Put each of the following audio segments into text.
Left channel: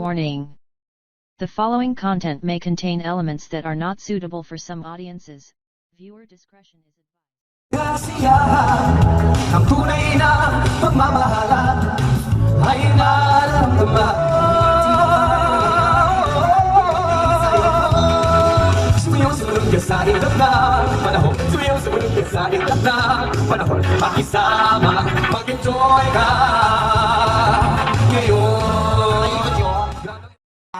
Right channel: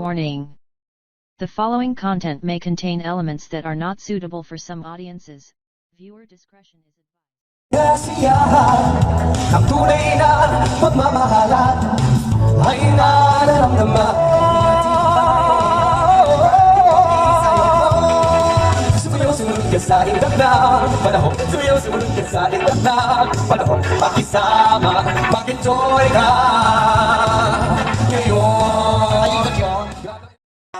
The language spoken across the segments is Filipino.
Warning. The following content may contain elements that are not suitable for some audiences. Viewer discretion is advised. Kasiyahan, ang tunay na pagmamahalan ay nararamdaman. Sumunod ka sa ilap na panahon. Sumunod ka sa ilap na panahon. Makisama, mag-enjoy ka ngayon.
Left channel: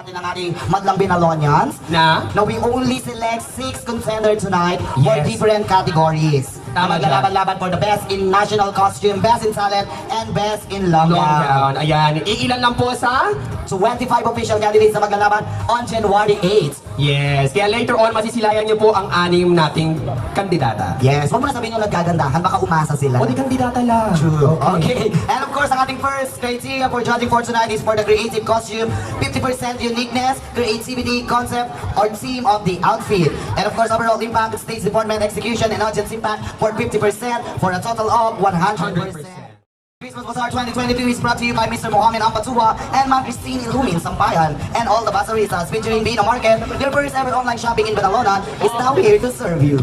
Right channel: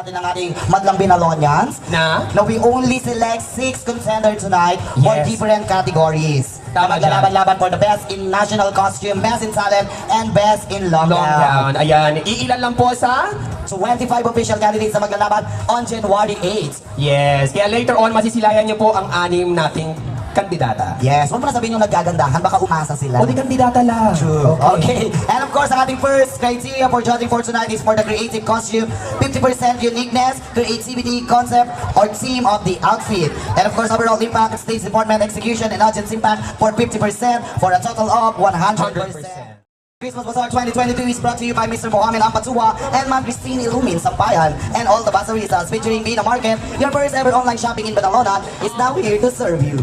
Natin ang ating Madlang Binalonians. Na? Now we only select 6 contenders tonight for Yes. different categories. Tama Maglalaban-laban for the best in national costume, best in talent, and best in long Long gown. gown. Ayan, iilan lang po sa? 25 official candidates na maglalaban on January 8. Yes, kaya later on masisilayan niyo po ang 6 nating kandidata. Yes, huwag mo na sabihin yung naggagandahan, baka umasa sila. O di kandidata lang. True. Okay. And of course, ang ating first criteria for judging for tonight is for the creative costume, 50% uniqueness, creativity, concept, or theme of the outfit. And of course, overall impact, stage department, execution, and audience impact for 50% for a total of 100%. Christmas Bazaar 2022 is brought to you by Mr. Mohamed Ampatua and Ma'am Christine Ilumin Sampayan and all the Bazaristas featuring Bina Market. Your first ever online shopping in Badalona is now here to serve you.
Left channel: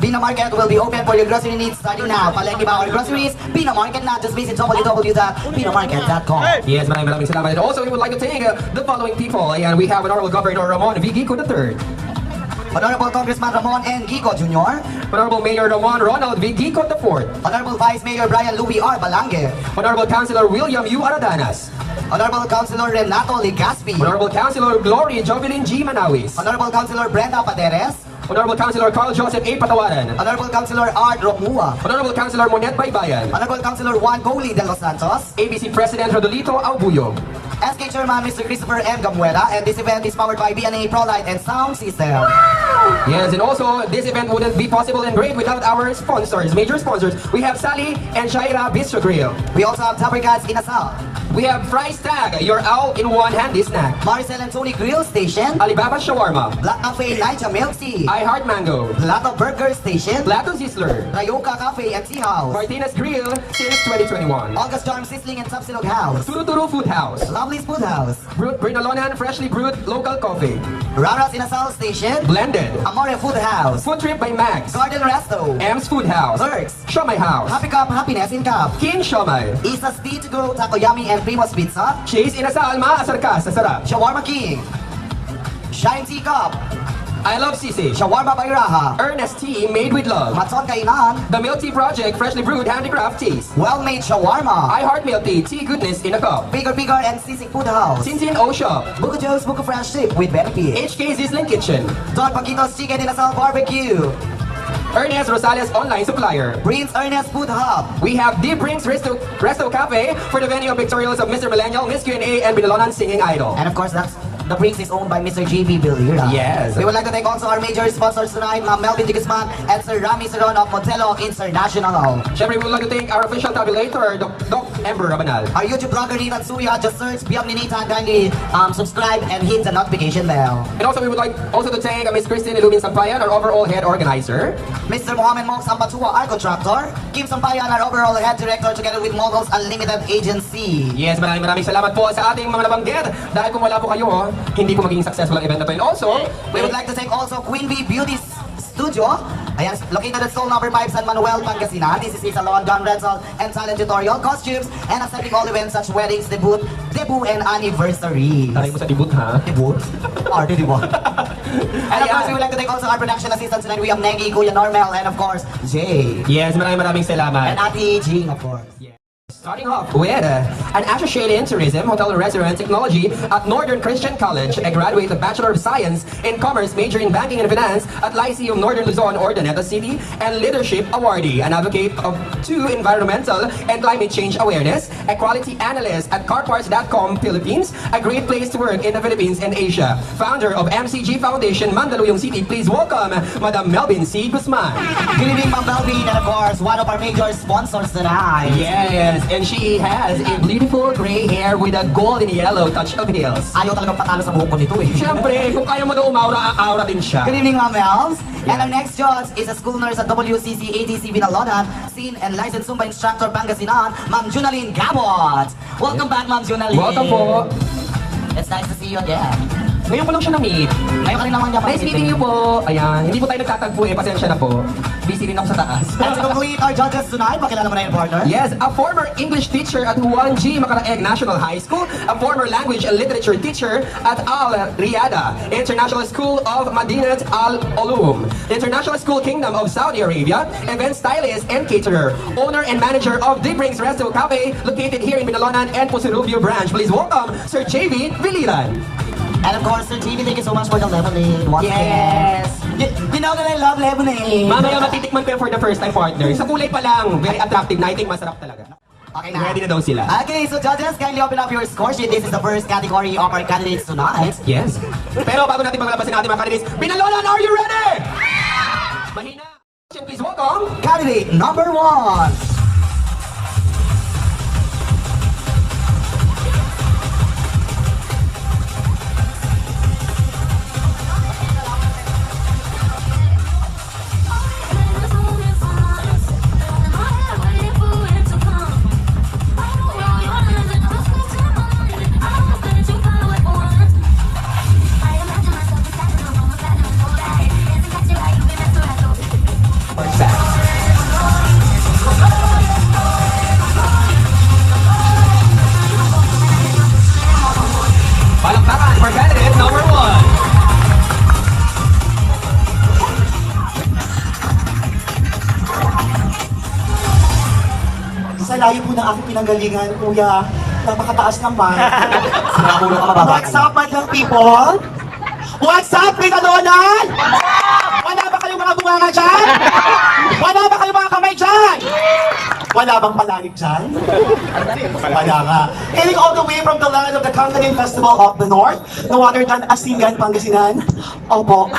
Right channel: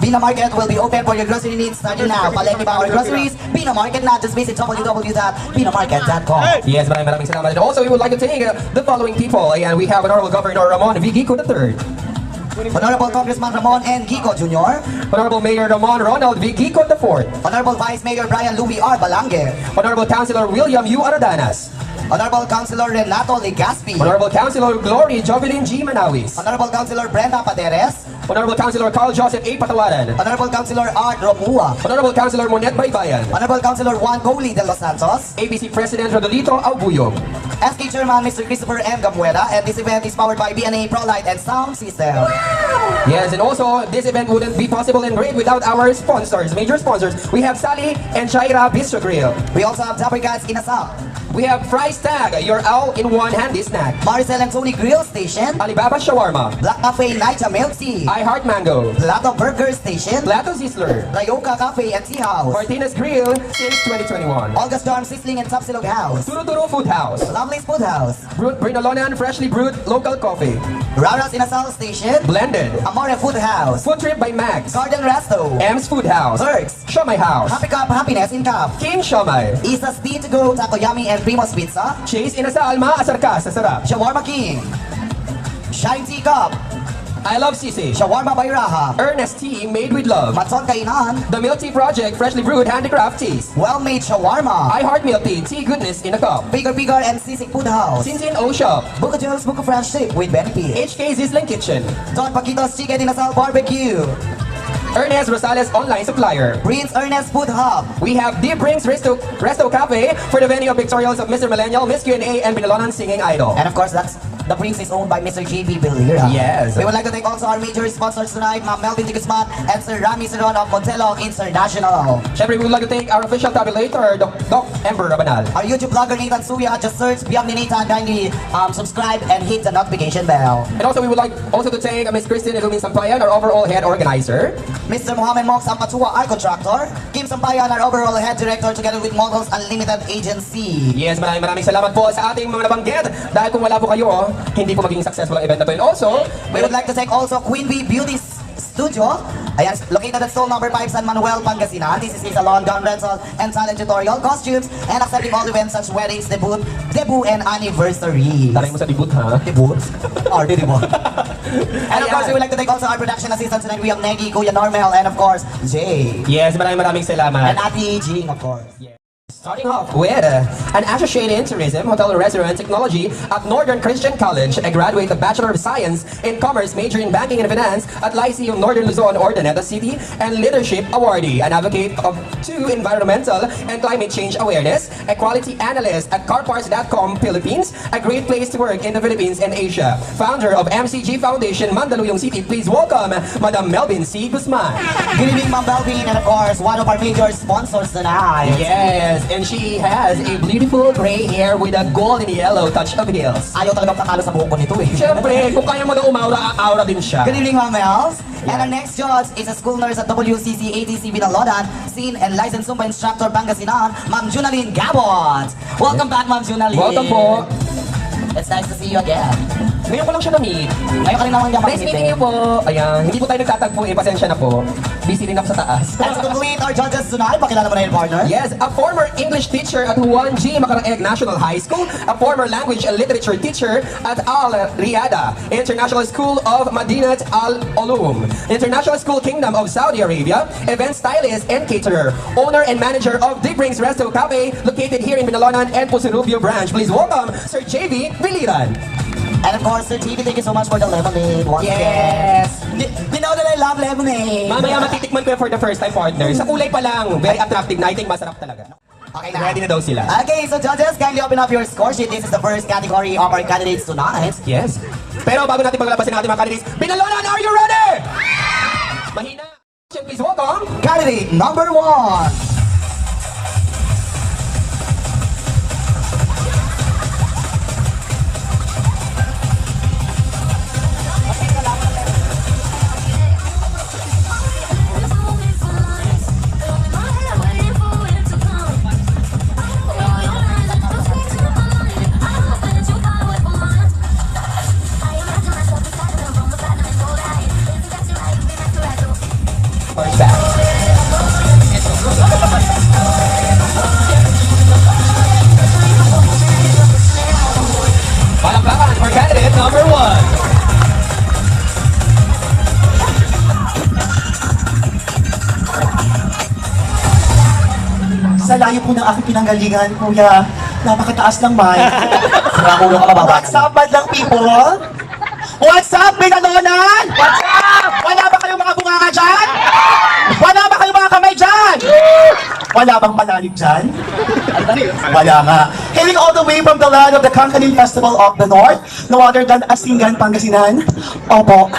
Bina Market will be open for your grocery needs starting now. Palengke Bauer Groceries, Bina Market na. Just visit www.binamarket.com. Yes, maraming salamat. And also, we would like to thank the following people. And we have Honorable Governor Ramon V. Gico III. Honorable Congressman Ramon N. Gico Jr. Honorable Mayor Ramon Ronald V. Gico IV. Honorable Vice Mayor Brian Louis R. Balangue. Honorable Councilor William U. Aradanas. Honorable Councilor Renato Legaspi. Honorable Councilor Glory Jovelyn G. Manawis. Honorable Councilor Brenda Paderes. Honorable Councilor Carl Joseph A. Patawaran. Honorable Councilor Art Romua. Honorable Councilor Monet Baybayan. Honorable Councilor Juan Goli de los Santos. ABC President Rodolito Aubuyog. SK Chairman Mr. Christopher M. Gamuela. And this event is powered by BNA ProLight and Sound System. Yes, and also, this event wouldn't be possible and great without our sponsors, major sponsors. We have Sally and Shaira Bistro Grill. We also have Tapper Gas Inasal. We have Fries Tag, your all-in-one handy snack. Maricel and Tony Grill Station. Alibaba Shawarma. Black Cafe Naija Milk Tea. I Heart Mango. Plato Burger Station. Plato Zisler. Rayoka Cafe and Tea House. Martinez Grill since 2021. August Charm Sizzling and Tapsilog House. Turo Food House. Lovely's Food House. Brinalonan Freshly Brewed Local Coffee. Rara's Inasal Station. Blended. Amore Food House. Food Trip by Max. Garden Resto. M's Food House. Perks. Shomai House. Happy Cup Happiness in Cup. King Shomai. Isa's Tea to Go Takoyami and Primo's Pizza. Chase Inasal Alma Asarka sa sarap. Shawarma King. Shine Tea Cup. I Love Sisi. Shawarma Bayraha. Ernest Tea made with love. Matson Kainan. The Milk Tea Project Freshly Brewed Handicraft Teas. Well-made shawarma. I Heart Milk Tea Tea Goodness in a Cup. Bigger and Sisig Food House. Sinsin O Shop. Buko Juice, Buko Friendship with benefit. HK Zisling Kitchen. Don Paquitos Chicken Inasal Barbecue. Ernest Rosales Online Supplier. Prince Ernest Food Hub. We have Deep Brinks Resto Cafe for the venue of pictorials of Mr. Millennial, Miss Q&A, and Binalonan Singing Idol. And of course, the Prince is owned by Mr. JB Bilira. Yes. We would like to thank also our major sponsors tonight, Ma'am Melvin Digisman and Sir Rami Seron of Montelo International. Siyempre, we would like to thank our official tabulator, Doc Ember Rabanal. Our YouTube blogger Nathan Suya, just search Biyam ni Nathan, kindly subscribe and hit the notification bell. And also, we would like also to thank Miss Christine Ilumin Sampayan, our overall head organizer. Mr. Mohamed Mox Ampatua, our contractor. Kim Sampayan, our overall head director, together with Models Unlimited Agency. Yes, maraming salamat po sa ating mga nabanggit. Dahil kung wala po kayo, hindi po maging successful ang event na to. And also, we would like to thank also Queen Bee Beauty Studio. Ayan, located at stall number 5, San Manuel, Pangasinan. This is a salon, gun rental, and talent tutorial, costumes, and accepting all events such weddings, debut, and anniversary. taray mo sa debut, ha? Debut? Party debut. And of course, we would like to thank also our production assistants tonight. We have Negi, Kuya Normel, and of course, Jay. Yes, maraming salamat. And Ate Jing, of course. Yeah. Starting off with an associate in tourism, hotel and restaurant technology at Northern Christian College, a graduate of Bachelor of Science in Commerce, major in Banking and Finance at Lyceum Northern Luzon, Ordaneta City, and Leadership Awardee, an advocate of environmental and climate change awareness, a quality analyst at carparts.com Philippines, a great place to work in the Philippines and Asia, founder of MCG Foundation, Mandaluyong City. Please welcome Madam Melvin C. Guzman. Good evening, Ma'am Melvin, and of course, one of our major sponsors tonight. Yes, and she has a beautiful gray hair with a golden yellow touch of heels. Ayaw talagang patalo sa buhok ko nito eh. Siyempre, kung kaya mo na umaura, aura din siya. Good evening, Ma'am Els. And our next judge is a school nurse at WCC ATC Binalonan, scene and licensed Zumba instructor Pangasinan, Ma'am Junalyn Gabot. Welcome back, Ma'am Junalyn. Welcome po. It's nice to see you again. Ngayon ko lang siya na-meet. Ngayon ka rin naman niya Nice meeting you po. Ayan, hindi po tayo nagtatagpo eh. Pasensya na po. Busy rin ako sa taas. And to complete our judges tonight, pakilala mo na yung partner. Yes, a former English teacher at Juan G. Macaraeg National High School, a former language and literature teacher at Al Riyada International School of Madinat Al Ulum, International School Kingdom of Saudi Arabia, event stylist and caterer, owner and manager of Deep Rings Resto Cafe, located here in Binalonan and Pusurubio branch. Please welcome Sir JV Viliran. And of course, Sir TV, thank you so much for the lemonade. Once Yes. again. You know that I love lemonade. Mamaya matitikman ko yun for the first time, partner. Sa kulay pa lang, very attractive na. I think masarap talaga. Okay na. Ready na daw sila. Okay, so judges, kindly open up your score sheet. This is the first category of our candidates tonight. Yes. Pero bago natin paglabasin natin mga candidates, Binalonan, are you ready? Mahina. Please welcome. Candidate number 1. Palakpakan for candidate number 1. Sa layo po ng aking pinanggalingan, kuya, napakataas ng mic. Sinakulo ka mababa. What's up, madlang people? What's up, Binalonan? What's up? Wala ba kayong mga bunganga dyan? Wala ba kayong mga kamay dyan? Wala bang palalig dyan? Wala nga. Hailing all the way from the land of the Kangkanin Festival of the North, no other than Asingan, Pangasinan. Opo.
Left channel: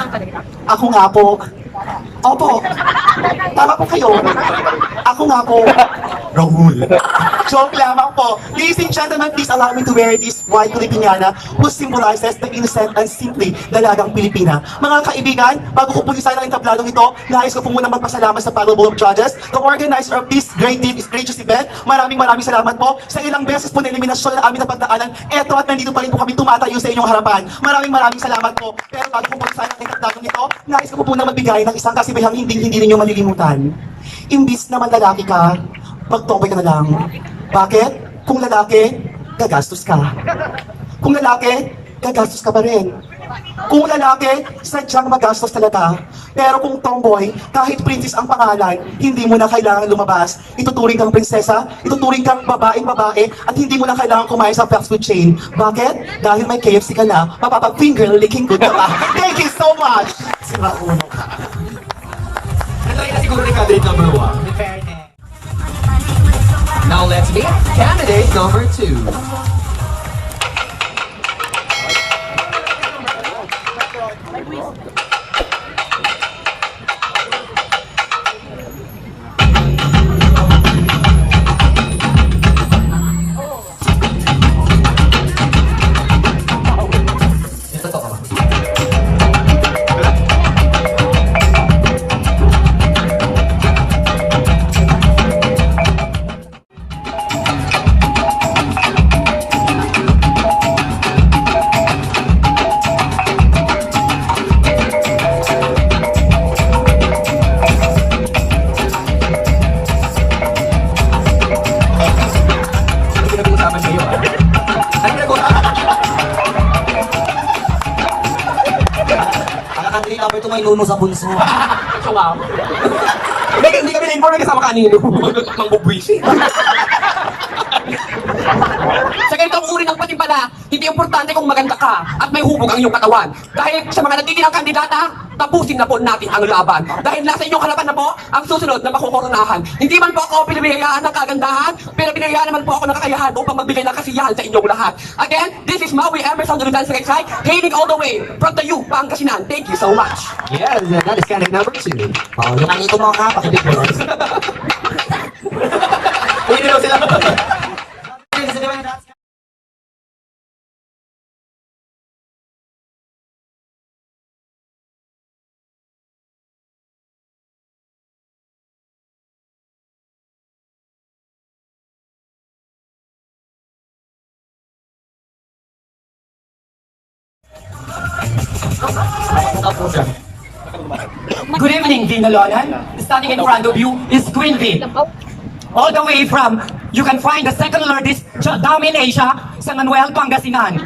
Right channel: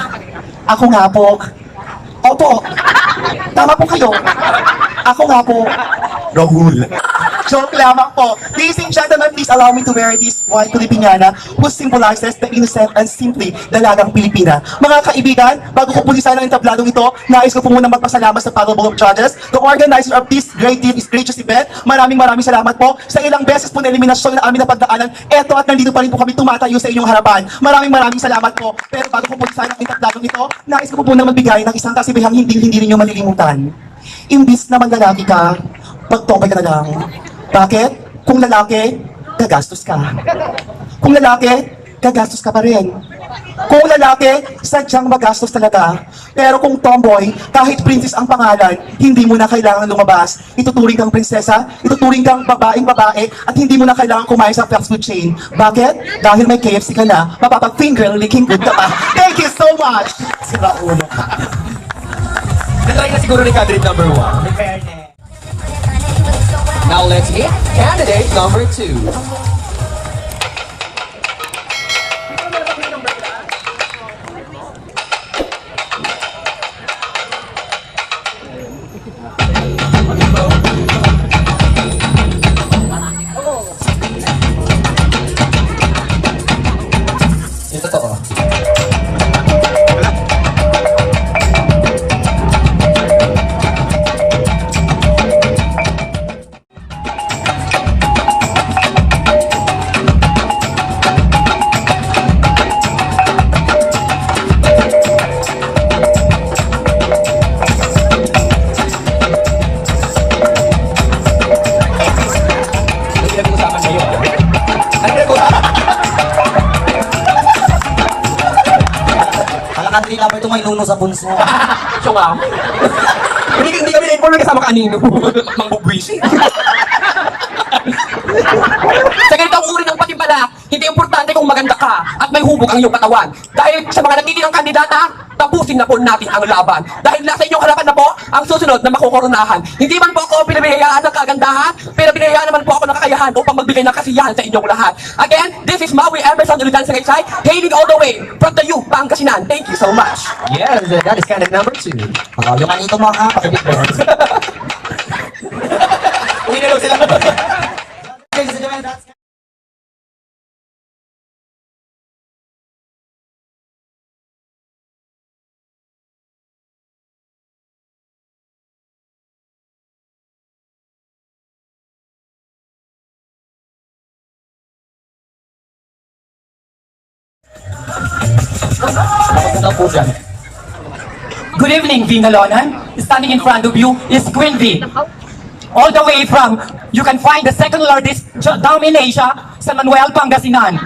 Ako nga po. Opo. Tama po kayo. Ako nga po. Rahul. Joke lamang po. Ladies and gentlemen, please allow me to wear this white Filipiniana who symbolizes the innocent and simply dalagang Pilipina. Mga kaibigan, bago ko pulisan ang entabladong ito, nais ko po muna magpasalamat sa panel of judges, the organizer of this gracious event. Maraming salamat po sa ilang beses po na eliminasyon na amin na pagdaanan. Eto at nandito pa rin po kami tumatayo sa inyong harapan. Maraming salamat po. Pero bago ko pulisan ang entabladong ito, nais ko po muna magbigay ng isang kasibihang hindi ninyo malilimutan. Imbis na manlalaki ka, magtokay ka na lang. Bakit? Kung lalaki, gagastos ka. Kung lalaki, gagastos ka pa rin. Kung lalaki, sadyang magastos talaga. Pero kung tomboy, kahit princess ang pangalan, hindi mo na kailangan lumabas. Ituturing kang prinsesa, ituturing kang babaeng-babae, at hindi mo na kailangan kumain sa fast food chain. Bakit? Dahil may KFC ka na, mapapag-finger licking good ka pa. Thank you so much! Sira ulo ka. Natry na siguro ni candidate number 1. Now let's meet candidate number 2. Yung totoo. Ano pinag-uusapan kayo, ha? Ano pinag-uusapan? Ang candidate number 2 may nuno sa punso. So nga. Hindi kami na-inform na kasama kanino. Mangbubwisi. Sa ganitong uri ng patimpala, hindi importante kung maganda ka at may hubog ang iyong katawan. Dahil sa mga natitirang kandidata, tapusin na po natin ang laban. Dahil nasa inyong harapan na po ang susunod na makukoronahan. Hindi man po ako pinabihayaan ng kagandahan, pero pinahayaan naman po ako ng kakayahan upang magbigay ng kasiyahan sa inyong lahat. Again, this is Maui Emerson Duridan Sagaysay, hailing all the way from the U, Pangasinan. Thank you so much. Yes, that is candidate number 2. Yung kanito mo ka, pakibig mo. Uy, na daw sila. Ladies and gentlemen, that's Good evening, Vinalonan. Standing in front of you is Queen V. All the way from, you can find the second largest dam in Asia, San Manuel, Pangasinan.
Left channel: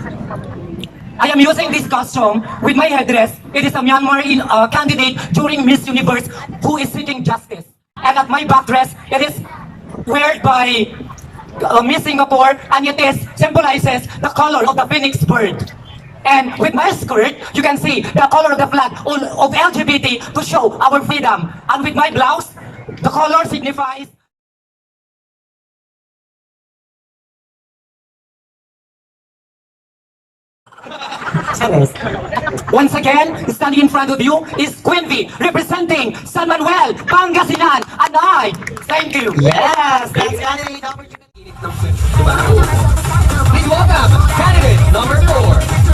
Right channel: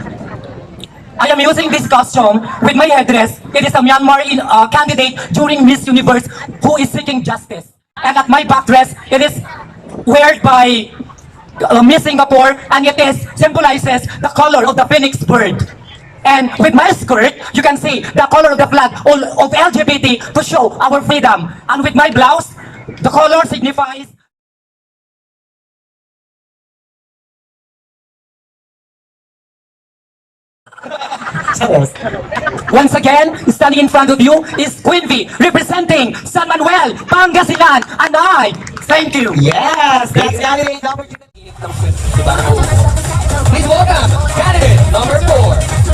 I am using this costume with my headdress. It is a Myanmar candidate during Miss Universe who is seeking justice. And at my back dress, it is wear by Miss Singapore, and it is symbolizes the color of the phoenix bird. And with my skirt, you can see the color of the flag of LGBT to show our freedom. And with my blouse, the color signifies once again, standing in front of you is Queen V, representing San Manuel, Pangasinan, and I thank you. Yes, that's candidate number 2. Please welcome candidate number 4.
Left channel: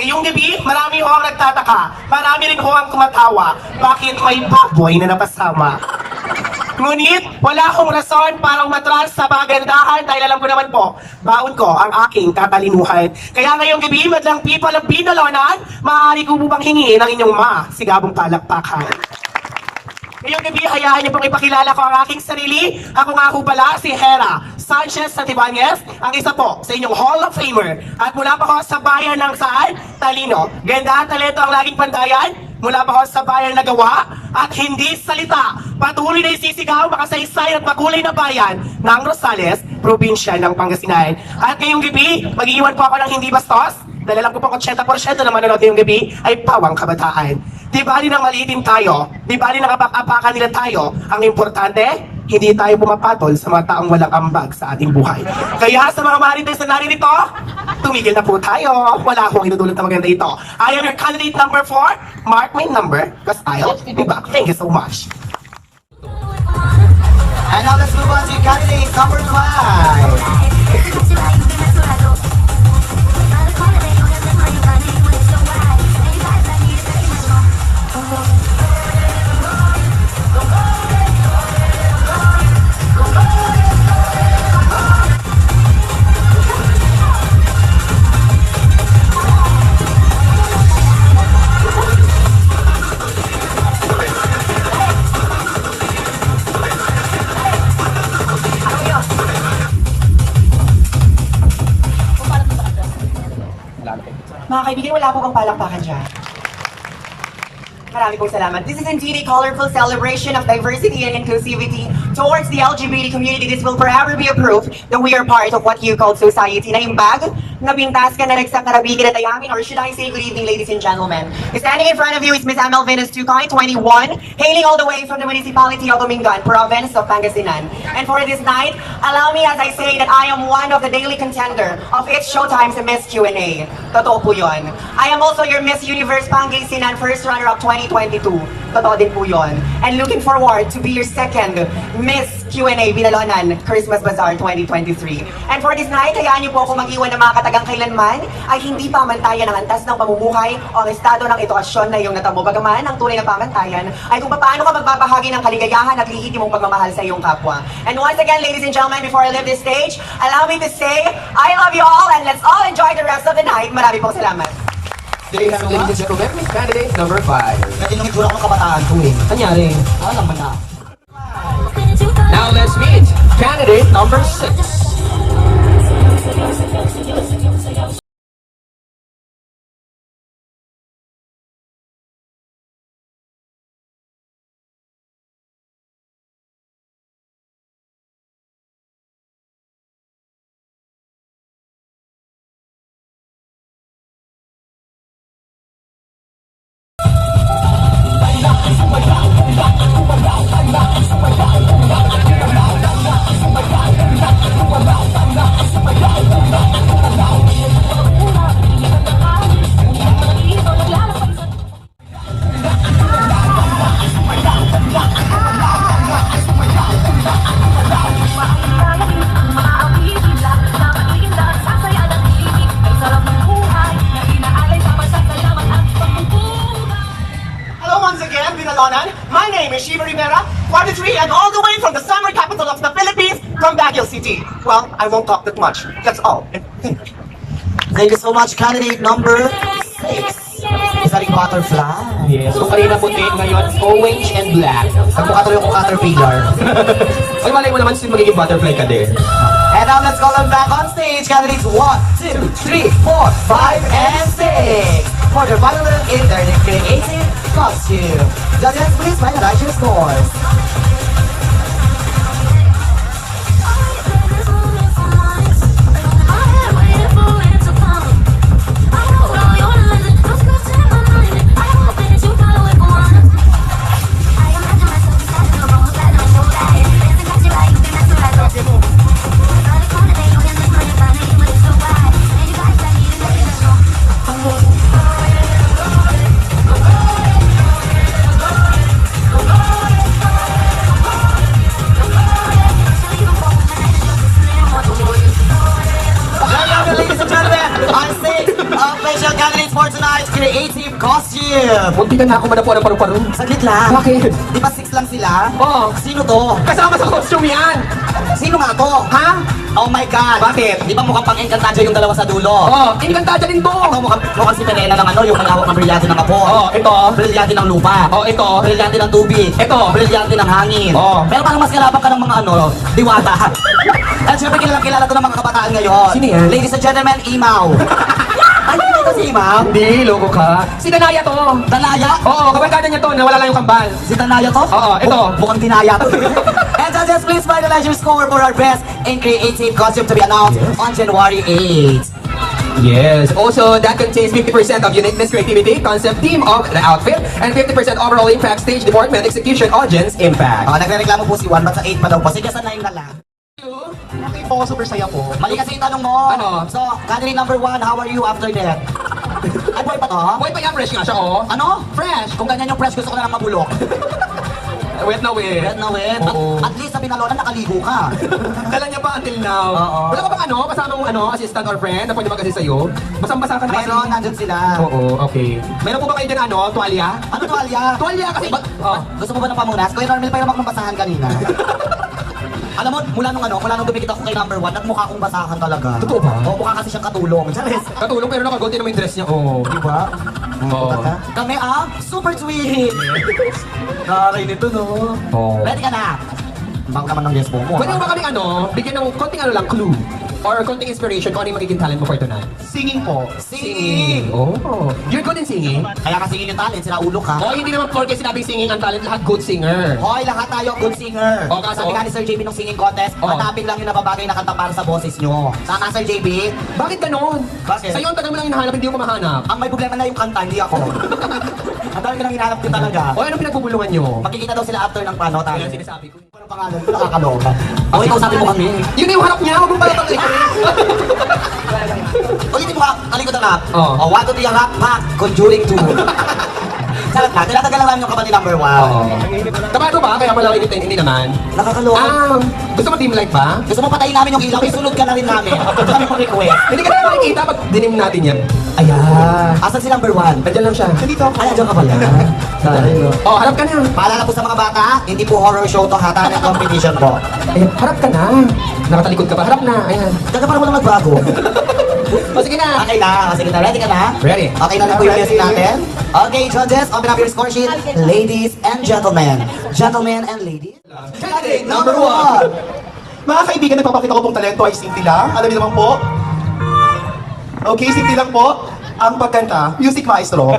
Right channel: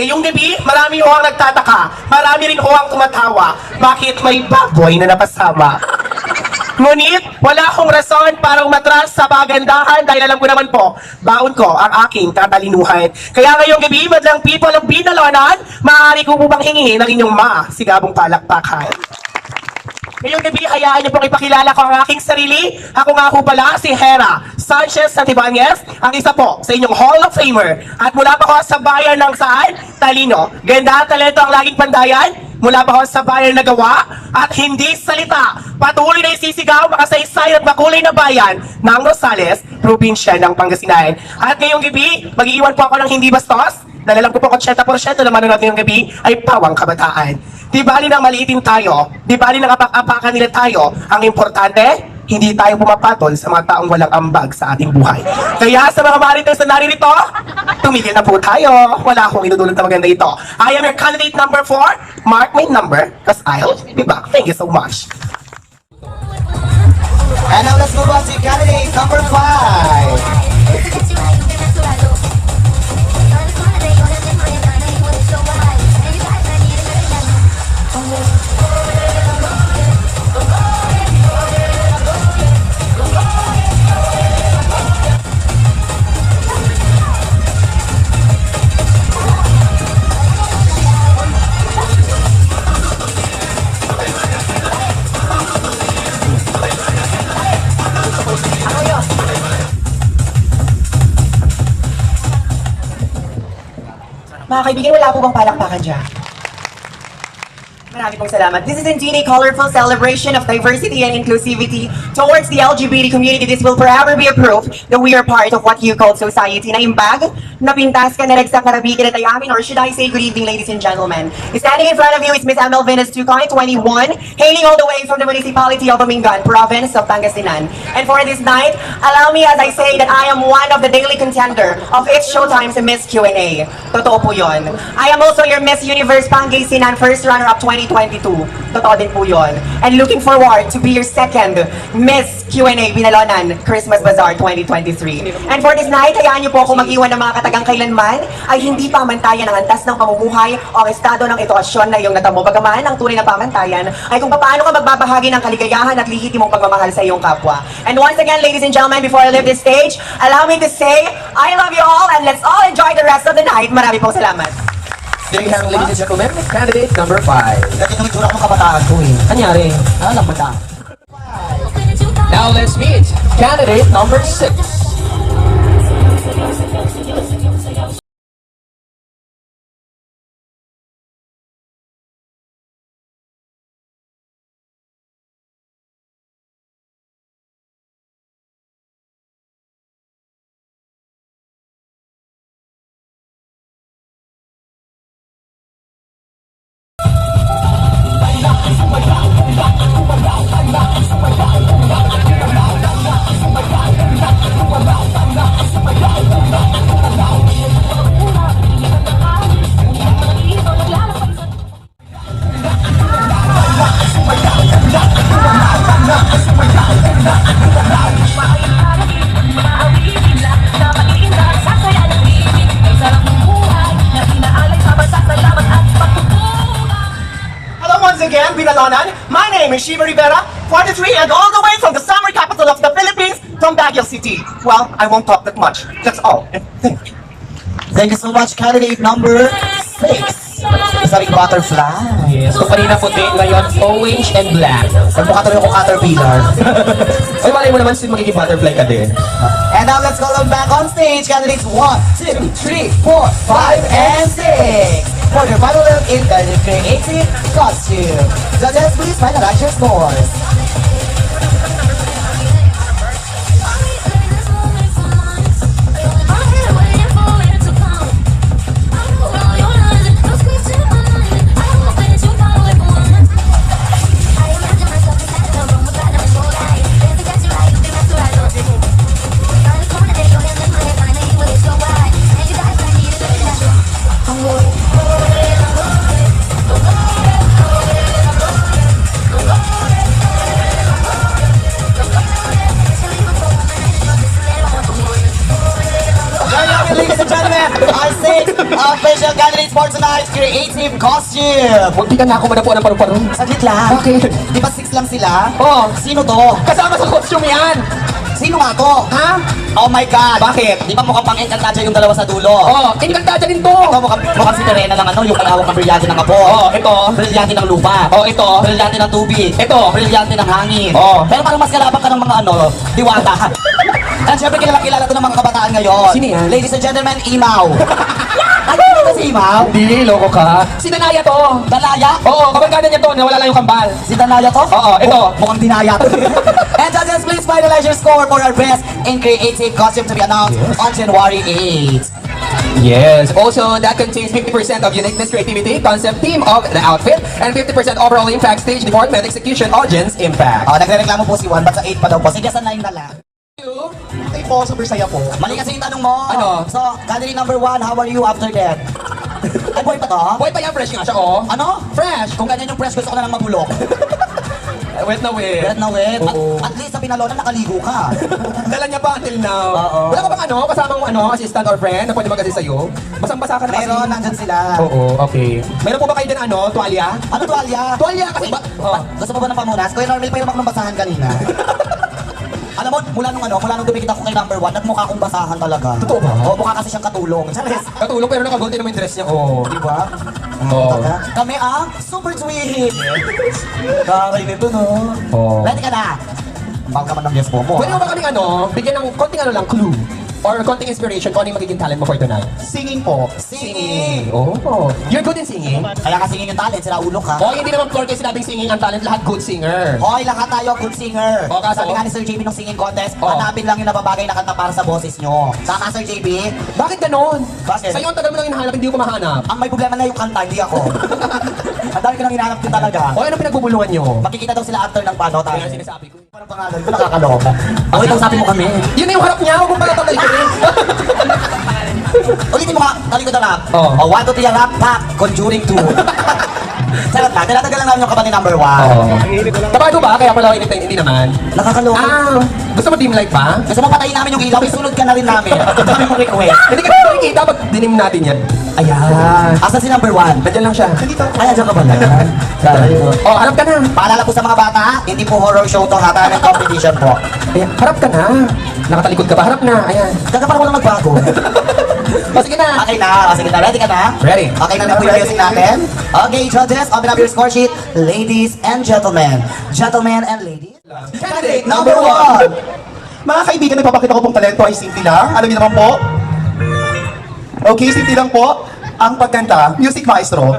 Ngayong gabi, marami ho ang nagtataka. Marami rin ho ang tumatawa. Bakit may baboy na napasama? Ngunit, wala akong rason para umatras sa pagandahan dahil alam ko naman po, baon ko ang aking tatalinuhan. Kaya ngayong gabi, madlang people of Binalonan, maaari ko po bang hingin ang inyong masigabong palakpakan. Ngayong gabi, hayaan niyo pong ipakilala ko ang aking sarili. Ako nga po pala si Hera Sanchez Santibanez, ang isa po sa inyong Hall of Famer. At mula pa ako sa bayan ng saan? Talino. Ganda at talento ang laging pandayan. Mula pa ako sa bayan na gawa at hindi salita. Patuloy na isisigaw makasaysay at makulay na bayan ng Rosales, probinsya ng Pangasinan. At ngayong gabi, mag-iiwan po ako ng hindi bastos. Dahil alam ko po 80% ng manonood ngayong gabi ay pawang kabataan. Di bali nang maliitin tayo, di bali nang apak-apakan nila tayo, ang importante, hindi tayo pumapatol sa mga taong walang ambag sa ating buhay. Kaya sa mga marites na naririto, tumigil na po tayo. Wala akong inudulot na maganda ito. I am your candidate number 4. Mark my number, because I'll be back. Thank you so much. And now let's move on to candidate number 5. Mga kaibigan, wala po bang palakpakan dyan? Marami pong salamat. This is indeed a colorful celebration of diversity and inclusivity towards the LGBT community. This will forever be a proof that we are part of what you call society. Na yung bag, napintas ka, naragsak, narabigan at ay amin, or should I say good evening, ladies and gentlemen. Standing in front of you is Miss Amel Venus Tucoy, 21, hailing all the way from the municipality of Amingan, province of Pangasinan. And for this night, allow me as I say that I am one of the daily contender of It's Showtime's Miss Q&A. Totoo po yun. I am also your Miss Universe Pangasinan first runner-up 2022. Totoo din po yun. And looking forward to be your second Miss Q&A Binalonan Christmas Bazaar 2023. And for this night, hayaan niyo po ako mag-iwan ng mga katagang kailanman ay hindi pamantayan ang antas ng pamumuhay o ang estado ng edukasyon na iyong natamo. Bagaman, ang tunay na pamantayan ay kung paano ka magbabahagi ng kaligayahan at lihitimong pagmamahal sa iyong kapwa. And once again, ladies and gentlemen, before I leave this stage, allow me to say, I love you all and let's all enjoy the rest of the night. Marami pong salamat. There you have it, ladies and gentlemen, candidate number 5. Dati nung itsura kong kabataan to eh. Anyari? Alam ba na? Now let's meet candidate number 6. Hello once again, Binalonan. My name is Shiva Rivera, 43, and all the way from the summer capital of the Philippines, from Baguio City. Well, I won't talk that much. That's all. And thank you. Thank you so much, candidate number 6. Saring butterfly. Yes. Kung kanina puti, ngayon orange and black. Pagpukatuloy ko caterpillar. Ay, malay mo naman magiging butterfly ka din. And now let's call them back on stage. Candidates 1, 2, 3, 4, 5, and 6. For their final look in their creative costume. Judges, please finalize your scores. Ladies and gentlemen, our 6 official candidates for tonight's creative costume. Munti ka na ako madapo ng paru-paro. Saglit lang. Bakit? Di ba 6 lang sila? Oo. Sino to? Kasama sa costume yan! Sino nga to? Ha? Oh my God! Bakit? Di ba mukhang pang-Encantadia yung dalawa sa dulo? Oh, inikantadya din to! Ito mukhang si Terena ng ano, yung pag-awak ng brilyante ng apo. Oh, ito. Brilyante ng lupa. Oh, ito. Brilyante ng tubig. Ito. Brilyante ng hangin. Oh. Pero parang mas kalabang ka ng mga ano, diwata. At syempre kilala to ng mga kabataan ngayon. Sino yan? Ladies and gentlemen, Imaw. Ano yun ito si Imaw? Hindi, loko ka. Si Danaya to. Danaya? Oo, kabarkada niya to. Nawala lang yung kambal. Si Danaya to? Oo, ito. Mukhang dinaya to. And judges, please finalize your score for our best in creative costume to be announced on January 8. Yes. Also, that contains 50% of uniqueness, creativity, concept, theme of the outfit, and 50% overall impact, stage department, execution, audience impact. Nagre-reklamo po si Juan, ba't sa 8 pa daw po? Sige, sa 9 na lang. Ay po, super saya po. Mali kasi yung tanong mo. Ano? So, candidate number 1, how are you after that? Ay, boy pa to? Boy, pa yan, fresh nga siya, oh. Ano? Fresh. Kung ganyan yung press, gusto ko na lang mabulok. Wet na wet. Wet na wet. Oo. At least sa Binalonan, nakaligo ka. Dala niya pa until now. Oo. Wala ka bang ano, kasamang ano, assistant or friend na pwede mag-assist sa'yo? Basang-basa ka na kasi. Meron, nandyan sila. Oo, okay. Meron po ba kayo din ano, tuwalya? Ano tuwalya? Tuwalya kasi ba? Oh. Gusto mo ba ng pamunas? Kuya Normal pa yung magbasahan kanina. Alam mo, mula nung dumikit ako kay number 1, nagmukha akong basahan talaga. Totoo ba? Oo, mukha kasi siyang katulong. Charis. Katulong pero nakagold din naman yung dress niya. Oo. Di ba? Oo. Kami super sweet. Karay nito, no? Oo. Ready ka na? Bang naman ng yes mo. Pwede mo ba kami ano, bigyan ng konting ano lang, clue? Or konting inspiration kung ano yung magiging talent mo for tonight? Singing po. Singing. Oh. You're good in singing? Kaya ka singing yung talent, sila ulo ka. Oh, hindi naman porke sinabing singing ang talent, lahat good singer. Hoy, lahat tayo good singer. O, kaso? Sabi nga ni Sir JB nung singing contest, O. hanapin lang yung nababagay na kanta para sa boses nyo. Tama, Sir JB? Bakit ganon? Bakit? Sa'yo ang tagal mo lang hinahanap, hindi ko mahanap. Ang may problema na yung kanta, hindi ako. Ang dami ka nang hinahanap ko talaga. O, ano pinagbubulungan nyo? Makikita daw sila after ng pano tayo. Kaya sinasabi ko. Anong pangalan ko? Nakakaloka. Ako, ikaw sabi mo kami. Yun na yung harap niya, huwag mong pala pagkalikurin. Ulitin mo nga, talikod na rap. Oh. O, 1, 2, 3, rap, pack, conjuring 2. Sarap na, tinatagal lang namin yung kapatid number 1. Kapag ko ba? Kaya pala init na hindi naman. Nakakaloka. Gusto mo team light pa? Gusto mo patayin namin yung ilaw, isunod ka na rin namin. Ito kami mong request. Hindi ka na makikita pag dinim natin yan. Ayan. Asan si number 1? Nandiyan lang siya. Dito. Ay, dyan ka pala. Oh, harap ka na. Paalala po sa mga bata, hindi po horror show to ha, talent competition po. Ayan, harap ka na. Nakatalikod ka pa. Harap na. Ayan. Daga para walang magbago. O, sige na. Okay na, sige na. Ready ka na? Ready. Okay na po yung music natin. Okay, judges, open up your score sheet. Ladies and gentlemen. Gentlemen and ladies. Candidate number 1. Mga kaibigan, ipapakita ko pong talento ay simple lang. Alam niyo naman po. Okay, simple lang po. Ang pagkanta, music maestro.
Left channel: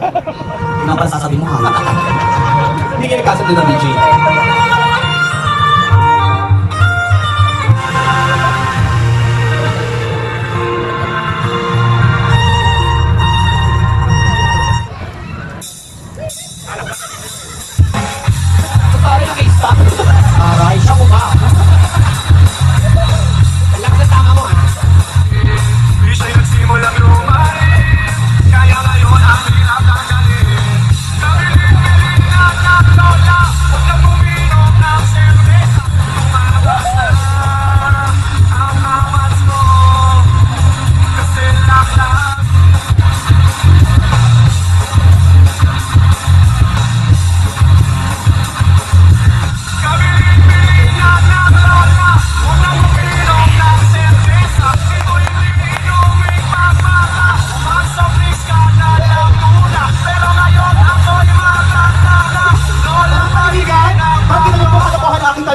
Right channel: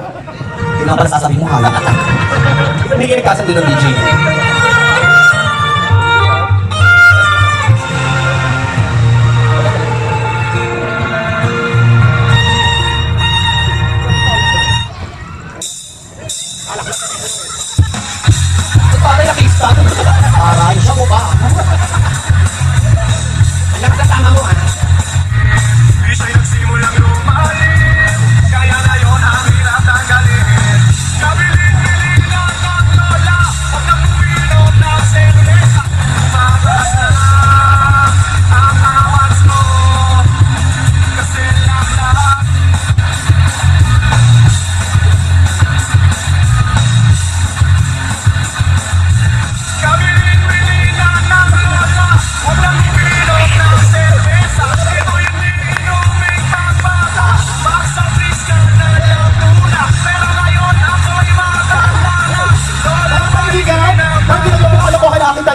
Yun ang pala sasabihin mo ha. Hindi kayo nagkasando ng DJ. Para nakista. Aray, siya mo ba? Lang sa tama mo, ano? Di siya'y nagsimulang lumain, kaya ngayon ang hirap tanggalin. Kabilin-bilin lang ng lola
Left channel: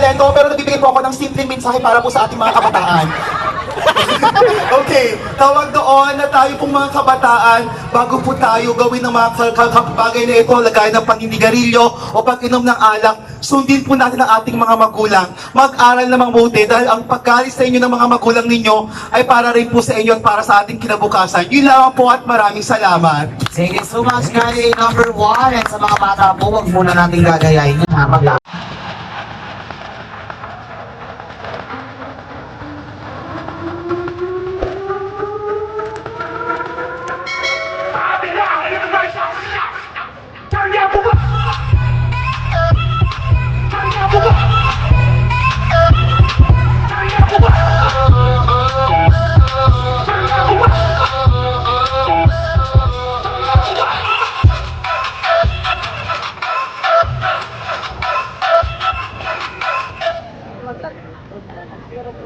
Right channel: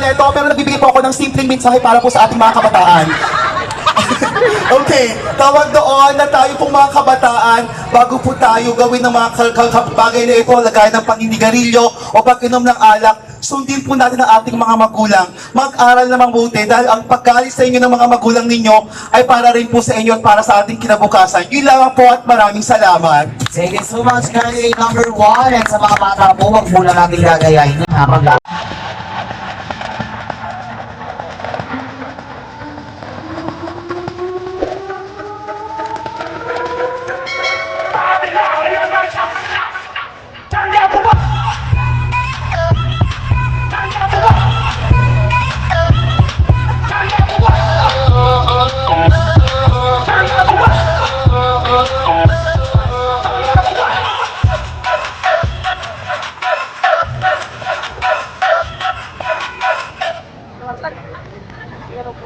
talento, pero nagbibigay po ako ng simpleng mensahe para po sa ating mga kabataan. Okay, tawag doon na tayo pong mga kabataan, bago po tayo gawin ng mga bagay na ito, lagay ng paninigarilyo o pag-inom ng alak, sundin po natin ang ating mga magulang. Mag-aral na mabuti dahil ang pagkalis sa inyo ng mga magulang ninyo ay para rin po sa inyo at para sa ating kinabukasan. Yun lamang po at maraming salamat. Thank you so much, candidate number 1. At sa mga bata po, wag muna natin gagayahin yun, ha?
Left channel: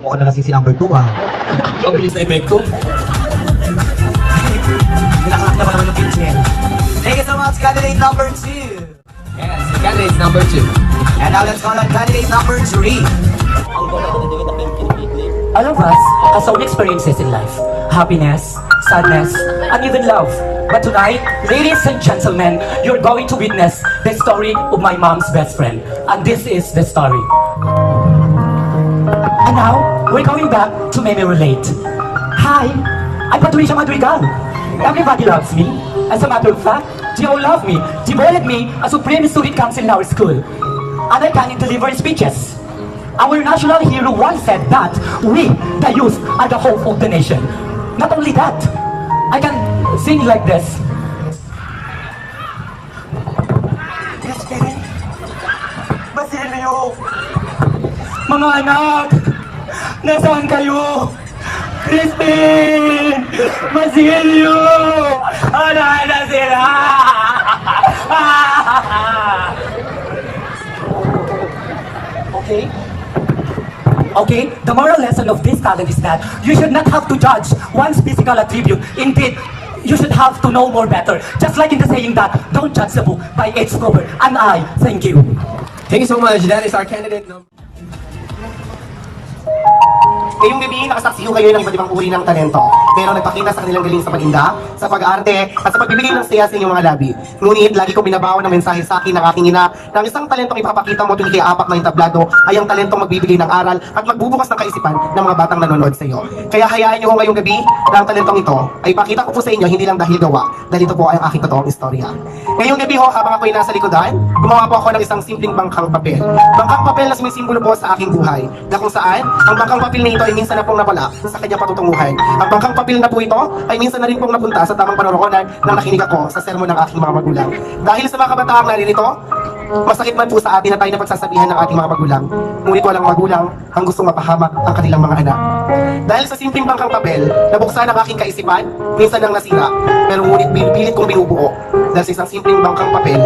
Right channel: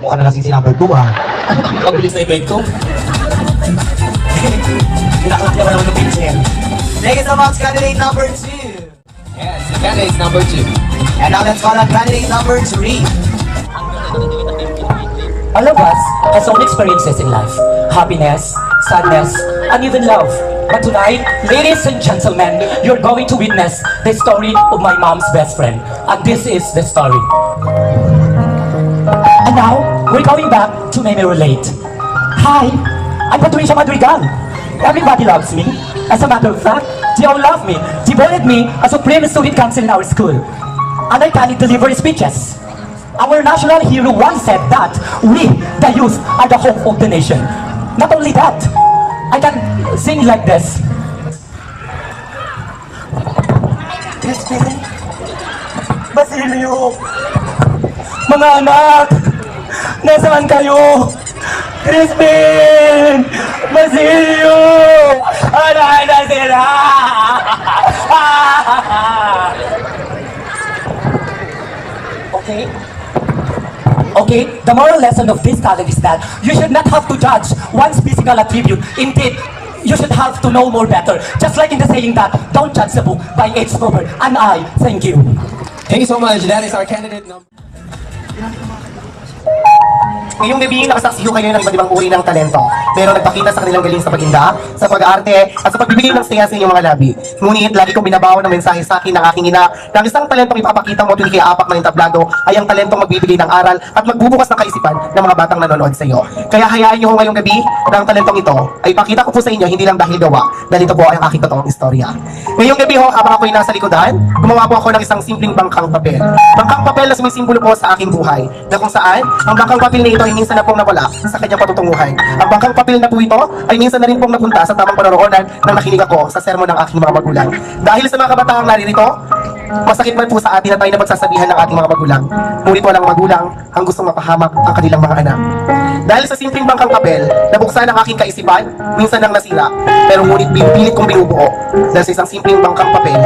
Mukha na nasisi number 2, ha? Ang bilis na epekto. Pinakalaki naman naman yung pinche. Thank you so much, candidate number 2. Yes, candidate number 2. And now let's call on candidate number 3. All of us has own experiences in life. Happiness, sadness, and even love. But tonight, ladies and gentlemen, you're going to witness the story of my mom's best friend. And this is the story. And now, we're going back to Meme Relate. Hi, I'm Patricia Madrigal. Everybody loves me. As a matter of fact, they all love me. They voted me a Supreme Student Council in our school. And I can deliver speeches. Our national hero once said that we, the youth, are the hope of the nation. Not only that, I can sing like this. Crispin, Basilio, mga anak, nasaan kayo? Crispin, Basilio, anay na sila! Okay? Okay, the moral lesson of this talent is that you should not have to judge one's physical attribute. Indeed, you should have to know more better. Just like in the saying that, don't judge the book by its cover. And I thank you. Thank you so much. That is our candidate number. Ngayong gabi, nakasaksi ho kayo ng iba't ibang uri ng talento. Pero nagpakita sa kanilang galing sa pag-inda, sa pag-arte, at sa pagbibigay ng saya sa inyong mga labi. Ngunit, lagi ko binabaw ng mensahe sa akin ng aking ina na ang isang talentong ipapakita mo tuwing apak ng entablado ay ang talentong magbibigay ng aral at magbubukas ng kaisipan ng mga batang nanonood sa iyo. Kaya hayaan niyo ho ngayong gabi na ang talentong ito ay pakita ko po sa inyo hindi lang dahil gawa, dahil ito po ay ang aking totoong istorya. Ngayong gabi ho, habang ako'y nasa likodan, gumawa po ako ng isang simpleng bangkang papel. Bangkang papel na sumisimbolo po sa aking buhay, na kung saan ang bangkang papel na ito ay minsan na pong nawala sa kanyang patutunguhan. Ang bangkang papel na po ito ay minsan na rin pong napunta sa tamang panaroonan nang nakinig ako sa sermon ng aking mga magulang. Dahil sa mga kabataang naririto, masakit man po sa atin na tayo na pagsasabihan ng ating mga magulang. Ngunit walang magulang ang gustong mapahamak ang kanilang mga anak. Dahil sa simpleng bangkang papel, nabuksan ang aking kaisipan, minsan nang nasira, pero ngunit pilit kong binubuo. Dahil sa isang simpleng bangkang papel,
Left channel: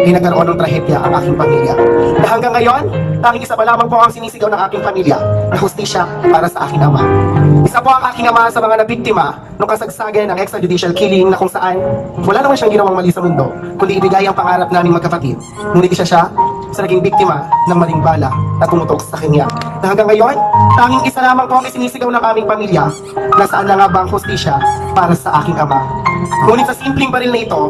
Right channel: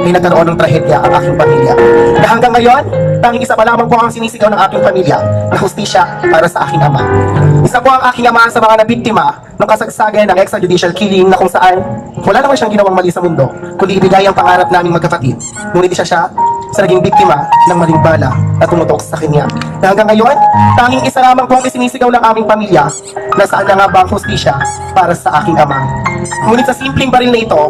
ay nagkaroon ng trahedya ang aking pamilya. Na hanggang ngayon, tanging isa pa lamang po ang sinisigaw ng aking pamilya na hustisya para sa aking ama. Isa po ang aking ama sa mga nabiktima ng kasagsagan ng extrajudicial killing na kung saan wala naman siyang ginawang mali sa mundo, kundi ibigay ang pangarap naming magkapatid. Ngunit isa siya sa naging biktima ng maling bala na tumutok sa kanya. Na hanggang ngayon, tanging isa lamang po ang isinisigaw ng aming pamilya na saan na nga ba ang hustisya para sa aking ama. Ngunit sa simpleng baril na ito,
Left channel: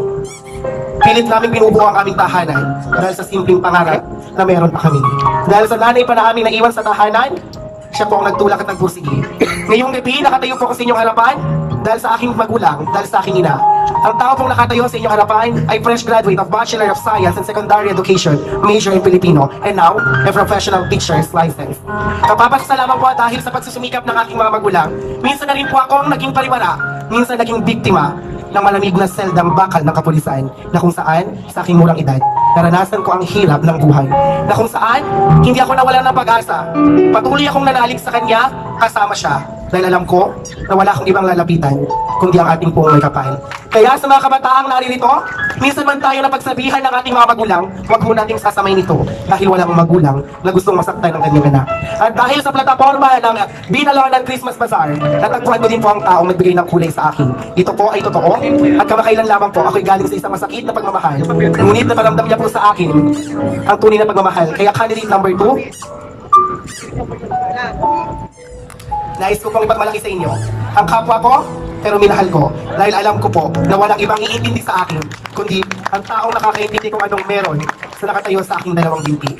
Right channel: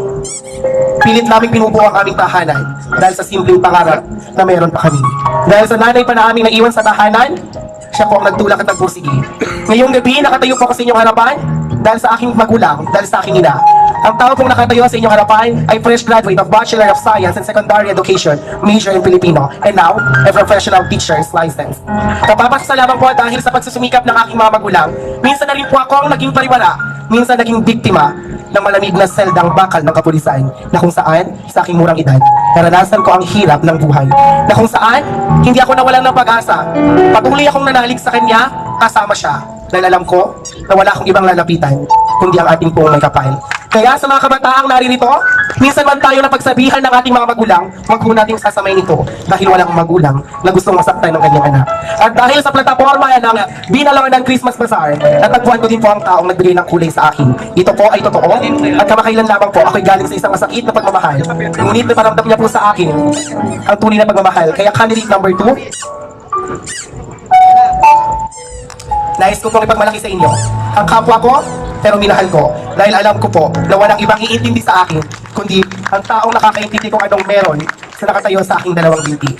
pilit namin binubuo ang aming tahanan dahil sa simpleng pangarap na meron pa kami. Dahil sa nanay pa na aming naiwan sa tahanan, siya po ang nagtulak at nagpursige. Ngayong gabi, nakatayo po ako sa inyong harapan dahil sa aking magulang, dahil sa aking ina. Ang tao pong nakatayo sa inyong harapan ay fresh graduate of Bachelor of Science and Secondary Education, major in Filipino, and now, a professional teacher's license. Kapapasalamat po dahil sa pagsusumikap ng aking mga magulang, minsan na rin po akong naging pariwara, minsan naging biktima ng malamig na seldang bakal ng kapulisan na kung saan, sa aking murang edad, naranasan ko ang hirap ng buhay. Na kung saan, hindi ako nawalan ng pag-asa. Patuloy akong nanalig sa kanya, kasama siya. Dahil alam ko na wala akong ibang lalapitan, kundi ang ating pong may kapal. Kaya sa mga kabataang naririto, minsan man tayo na pagsabihan ng ating mga magulang, wag po nating sasamay nito dahil walang magulang na gustong masaktan ng kanyang anak. At dahil sa plataforma ng Binalonan Christmas Bazaar, natagpuan ko din po ang taong nagbigay ng kulay sa akin. Ito po ay totoo at kamakailan lamang po ako'y galing sa isang masakit na pagmamahal. Ngunit naparamdam niya po sa akin ang tunay na pagmamahal. Kaya candidate number 2, Nais ko pong ipagmalaki sa inyo ang kapwa ko, pero minahal ko. Dahil alam ko po na walang ibang iintindi sa akin, kundi ang taong nakakaintindi kung anong meron sa nakatayo sa aking dalawang binti.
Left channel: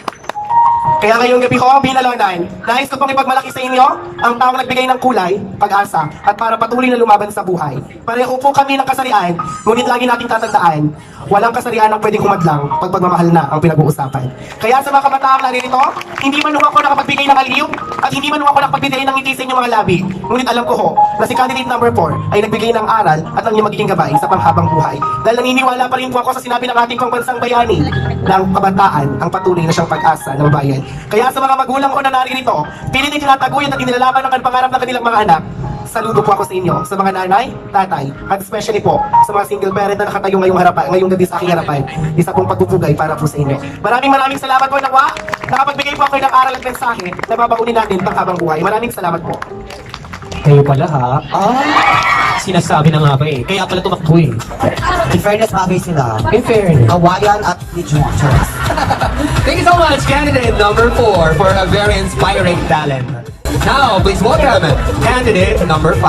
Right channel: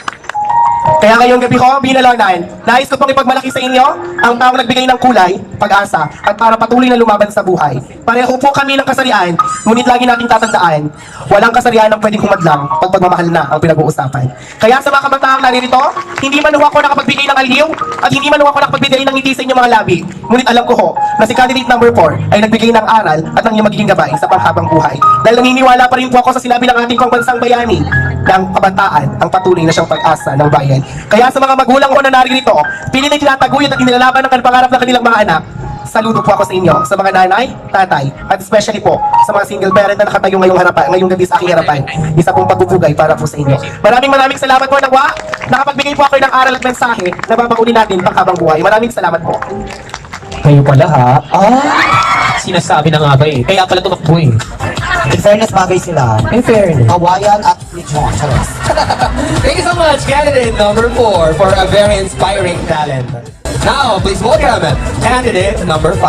Kaya ngayong gabi ko, binalonan, nais ko pong ipagmalaki sa inyo ang taong nagbigay ng kulay, pag-asa, at para patuloy na lumaban sa buhay. Pareho po kami ng kasarian, ngunit lagi nating tatandaan, walang kasarian ang pwedeng humadlang pag pagmamahal na ang pinag-uusapan. Kaya sa mga kabataang naririto, hindi man ako nakapagbigay ng aliw, at hindi man ako nakapagbigay ng ngiti sa inyong mga labi. Ngunit alam ko ho, na si candidate number 4 ay nagbigay ng aral at ang iyong magiging gabay sa panghabang buhay. Dahil naniniwala pa rin po ako sa sinabi ng ating pambansang bayani, ng kabataan ang patuloy na siyang pag-asa ng bayan. Kaya sa mga magulang ko na naririto, pilit ay tinataguyod at inilalaban ng pangarap ng kanilang mga anak. Saludo po ako sa inyo, sa mga nanay, tatay, at especially po sa mga single parent na nakatayo ngayong gabi sa aking harapan. Isa pong pagpupugay para po sa inyo. Maraming salamat po nawa. Nakapagbigay po ako ng aral at mensahe na babaunin natin panghabang buhay. Maraming salamat po. Kayo pala ha? Sinasabi na nga ba eh. Kaya pala tumakbo eh. In fairness, bagay sila. In fairness. Hawaiian at Lijuan. Thank you so much, candidate number 4, for a very inspiring talent. Now, please welcome candidate number 5.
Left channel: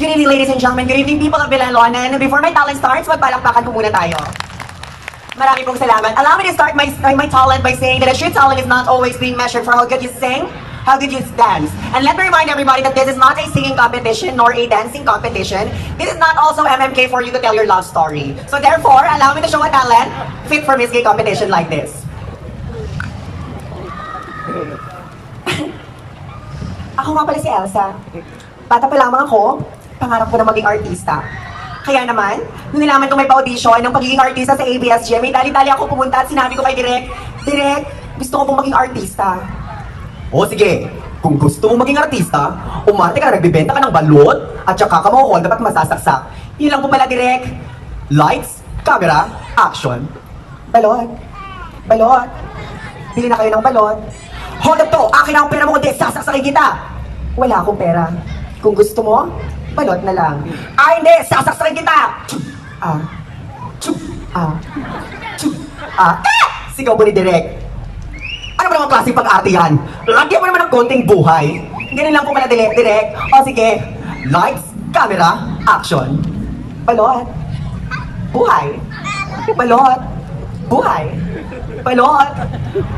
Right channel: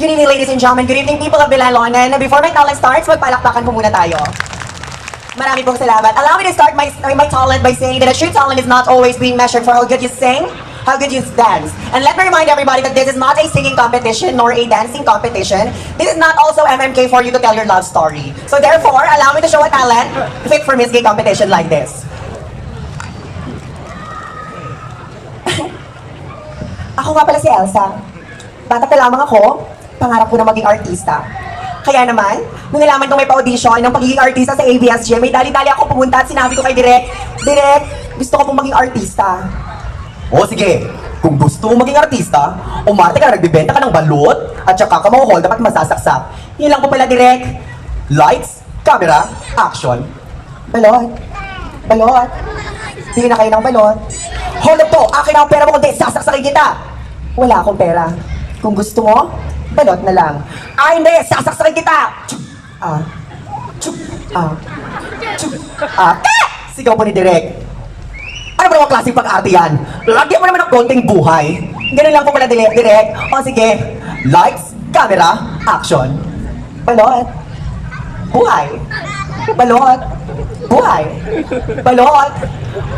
Good evening, ladies and gentlemen. Good evening, people of Vilalonan. Before my talent starts, magpalakpakan po muna tayo. Marami pong salamat. Allow me to start my talent by saying that a true talent is not always being measured for how good you sing, how good you dance. And let me remind everybody that this is not a singing competition nor a dancing competition. This is not also MMK for you to tell your love story. So therefore, allow me to show a talent fit for Miss Gay competition like this. Ako nga pala si Elsa. Bata pa lamang ako, pangarap ko na maging artista. Kaya naman, nung nalaman kong may pa-audition ng pagiging artista sa ABS-CBN, may dali-dali ako pumunta at sinabi ko kay Direk, Direk, gusto ko pong maging artista. O sige, kung gusto mo maging artista, umarte ka na nagbibenta ka ng balot at saka ka mauhol dapat masasaksak. Yun lang po pala, Direk. Lights, camera, action. Balot. Balot. Bili na kayo ng balot. Hold up to, akin ang pera mo kundi sasaksakin kita. Wala akong pera. Kung gusto mo, balot na lang. Ay, hindi! Sasaksakin kita! Sigaw po ni Direk. Ano ba naman klaseng pag-arte yan? Lagyan mo naman ng konting buhay. Ganun lang po pala, Direk. O sige, lights, camera, action. Balot. Buhay. Balot. Buhay. Balot.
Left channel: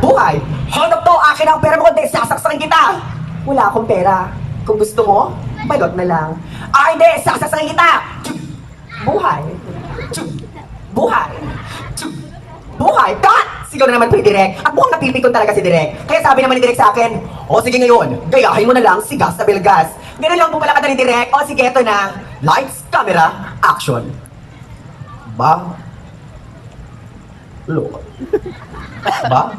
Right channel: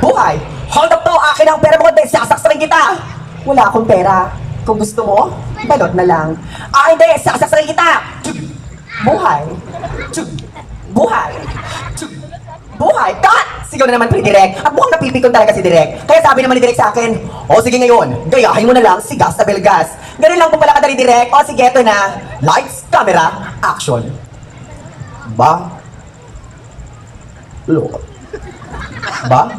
Buhay. Hold up to! Akin ang pera mo kundi sasaksakin kita! Wala akong pera. Kung gusto mo, balot na lang. Ay, hindi! Sasaksakin kita! Buhay. Buhay. Buhay. Cut! Sigaw na naman po ni Direk. At mukhang napipikon talaga si Direk. Kaya sabi naman ni Direk sa akin, o sige ngayon, gayahin mo na lang si Gas na Belgas. Ganun lang po pala kadali Direk. O sige, ito na. Lights, camera, action. Ba? Lord. Ba?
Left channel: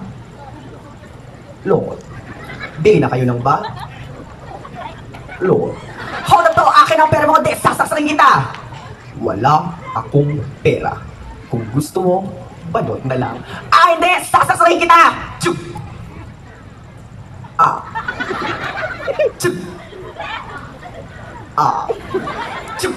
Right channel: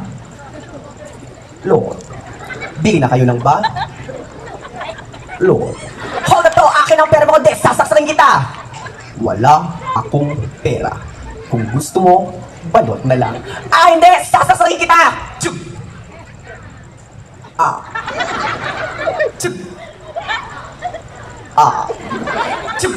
Lord. Bili na kayo ng ba? Lord. Hold up to! Akin ang pera mo kundi sasaksakin kita! Wala akong pera. Kung gusto mo, balot na lang. Ah, hindi! Sasaksakin kita! Chuk! Chuk! Chuk!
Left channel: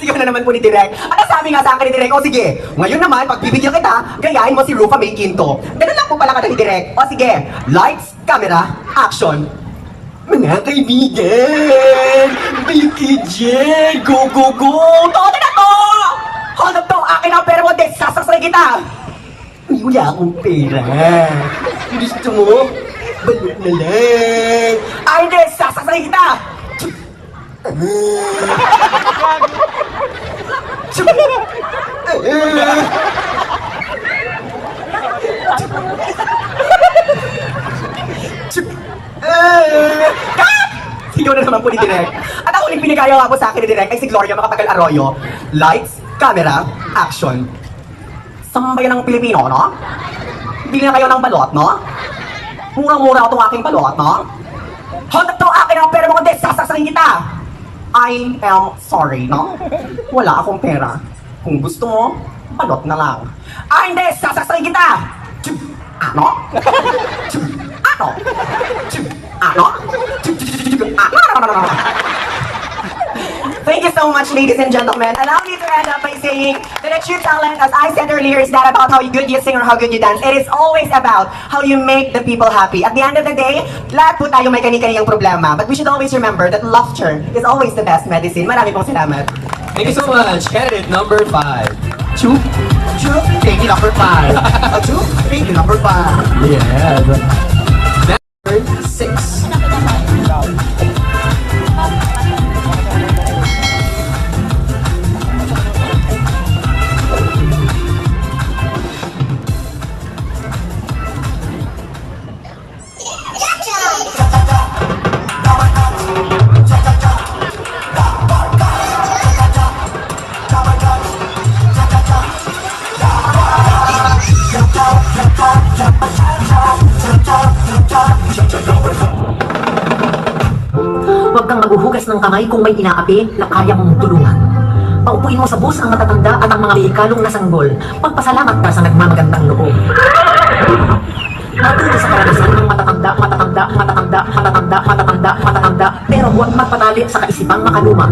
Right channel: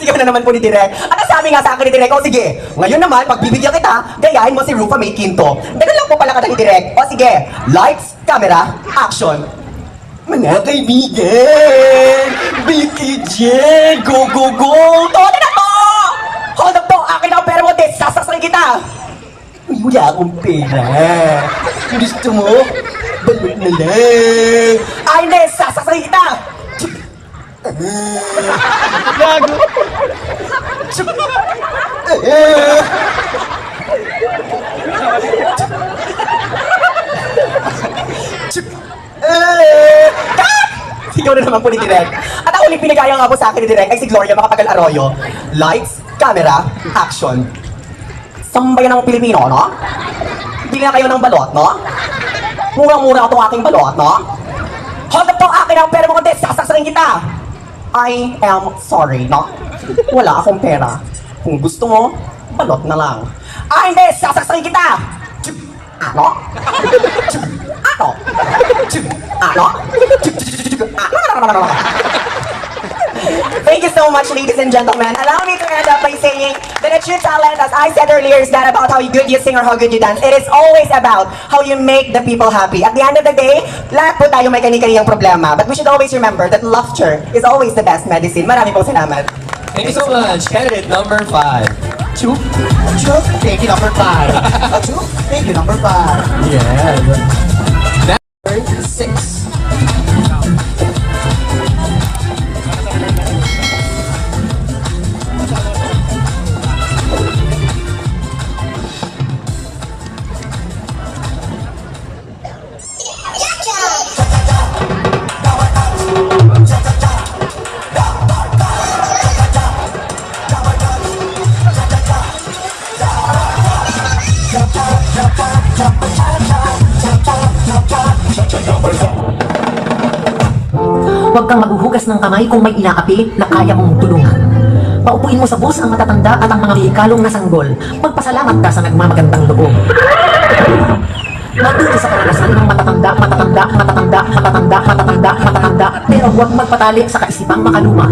Sigaw na naman po ni Direk. At sabi nga sa akin ni Direk, o sige, ngayon naman, pagbibigyan kita, gayahin mo si Rufa May Quinto. Ganun lang po pala ka ni Direk. O sige, lights, camera, action. Mga kaibigan! Vicky J! Go, go, go! Todo na to! Hold up to! Akin ang pera mo, Des! Sasaksakin kita! Wala akong pera. Gusto mo? Balot na lang. Ay, Des! Sasaksakin kita! Sigaw na naman po ni Direk. At ang uling pinagaya nga po sa akin ni Direk ay si Gloria Macapagal Arroyo. Lights, camera, action. Sambayan ng Pilipino, no? Bili na kayo ng balot, no? Murang-mura itong aking balot, no? Hold up to! Akin ang pera mo kundi sasaksakin kita! I am sorry, no? Wala akong pera. Kung gusto mo, balot na lang. Ah, hindi! Sasaksakin kita! Ano? Ano? Ano? Ano? Thank you so much, ladies and gentlemen. Allow me to end up by saying that a true talent, as I said earlier, is not about how good you sing or how good you dance. It is always about how you make the people happy. At the end of the day, lahat po tayo may kani-kaniyang problema. But we should always remember that laughter is always the best medicine. Marami pong salamat. Thank you so much. Candidate number 5. Two. Thank you, number 5. Two. Thank you, number 5. Yes. Number 6. Huwag kang maghuhugas ng kamay kung may inaapi na kaya mong tulungan. Paupuin mo sa bus ang matatanda at ang mga vehikalong nasanggol. Magpasalamat ka sa nagmamagandang loob. Matuloy sa karanasan ng matatanda, pero huwag magpatali sa kaisipang makaluma.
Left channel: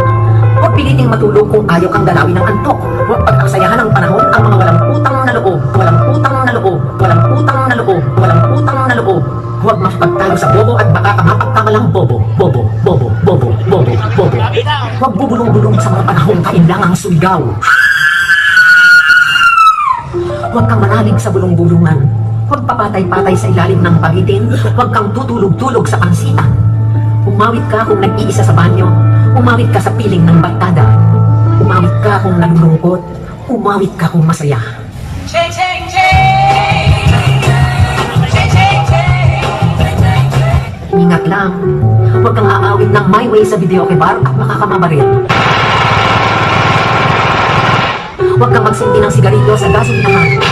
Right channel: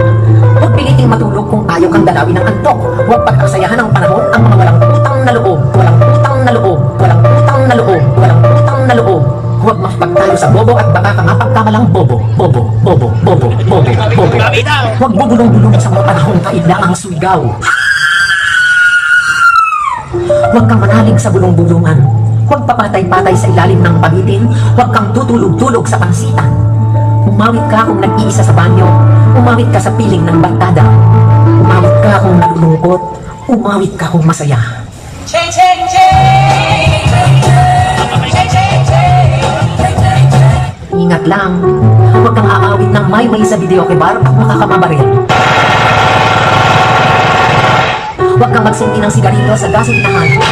Huwag piliting matulog kung ayaw kang dalawin ng antok. Huwag pagpasayahan ng panahon ang mga walang utang na loob. Walang utang na loob. Walang utang na loob. Walang utang na loob. Huwag makipagtalo sa bobo at baka ka mapagkamalang bobo. Bobo. Huwag bubulong-bulong sa mga panahong kailangang suligaw. Huwag kang manalig sa bulong-bulungan. Huwag papatay-patay sa ilalim ng pagitin. Huwag kang tutulog-tulog sa pangsitan. Umawit ka kung nag-iisa sa banyo. Umawit ka sa piling ng barkada. Umawit ka kung naglulungkot. Umawit ka kung masaya. Ingat lang. Huwag kang aawit ng my way sa videoke bar at makakamabaril. Huwag kang magsindi ng sigarilyo sa gasolinahan.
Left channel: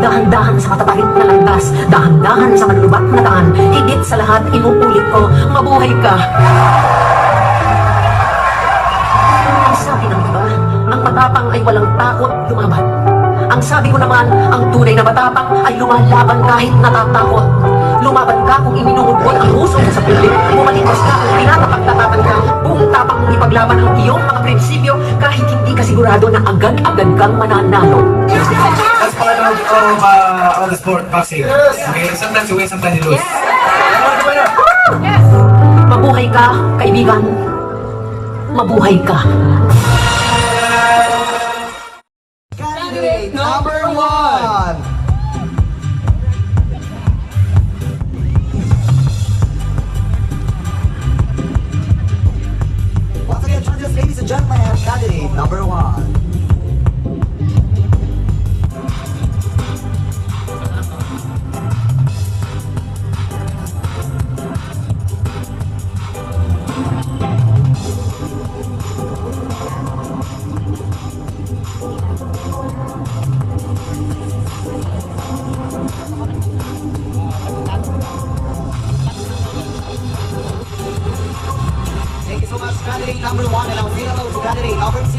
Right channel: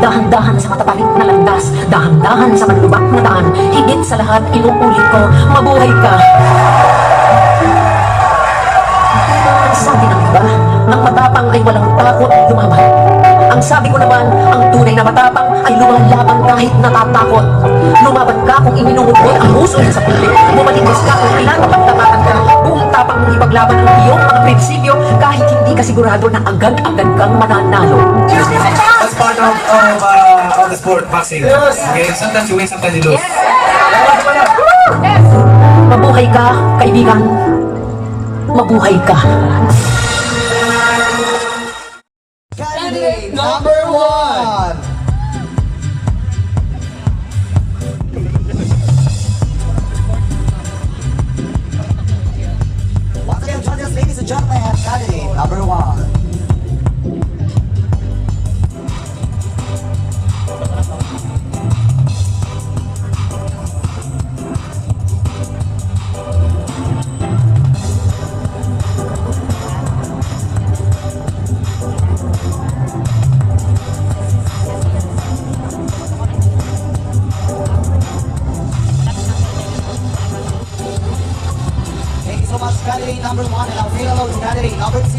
Dahan-dahan sa matapalit na landas, dahan-dahan sa malulubak na daan. Higit sa lahat, inuulit ko, mabuhay ka. Ang sabi ng iba, ang matapang ay walang takot lumaban. Ang sabi ko naman, ang tunay na matapang ay lumalaban kahit natatakot. Lumaban ka kung iminuhugot ang huso sa pulik. Bumalikos ka kung pinapagtapatan ka. Buong tapang mong ipaglaban ang iyong mga prinsipyo kahit hindi ka sigurado na agad-agad kang mananalo. That's part of the sport, boxing. Okay, sometimes you win, sometimes you lose. Mabuhay ka, kaibigan. Mabuhay ka. Candidate number 1. Once again, join us, ladies and gentlemen, candidate number 1. Thank you so much, candidate number 1, and I'll say hello to candidate number 2.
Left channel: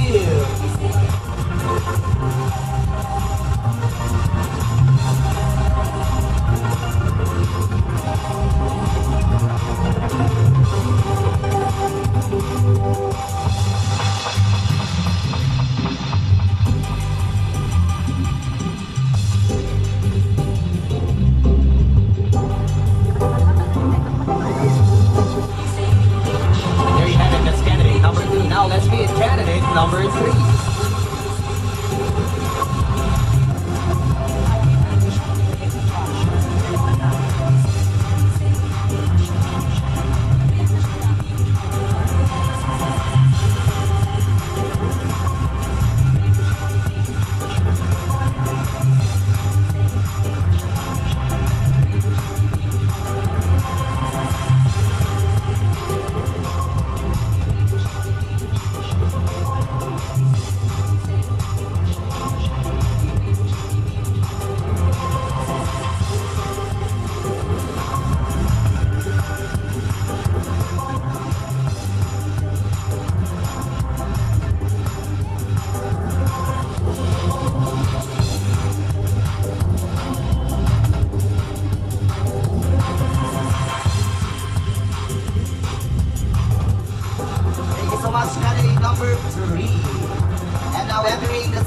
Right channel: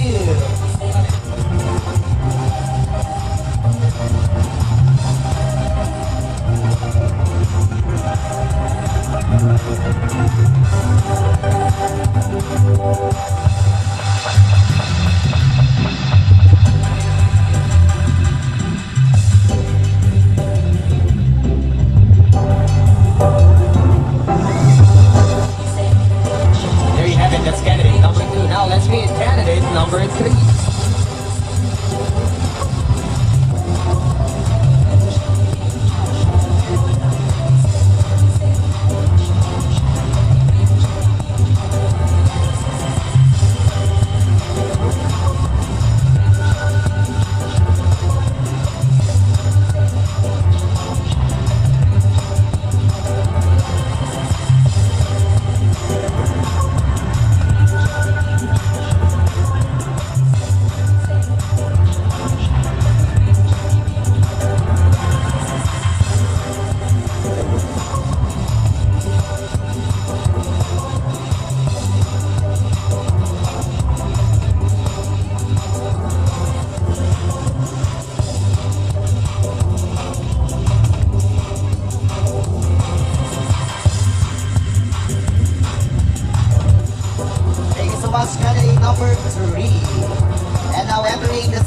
There you have it, that's candidate number 2. Now let's meet candidate number 3.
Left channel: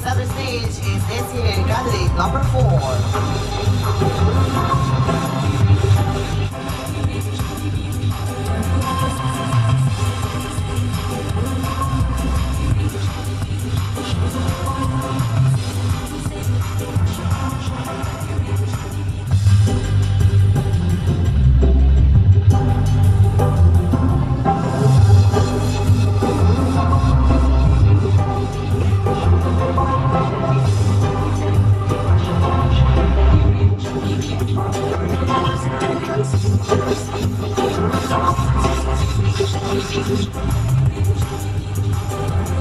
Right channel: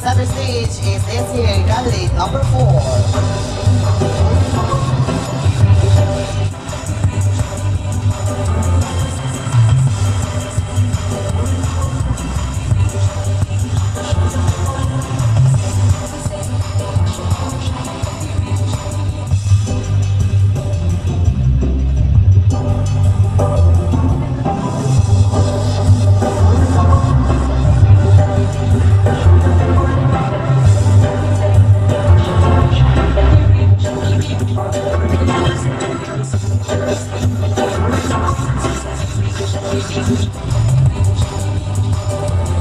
center stage is this here, candidate number 4.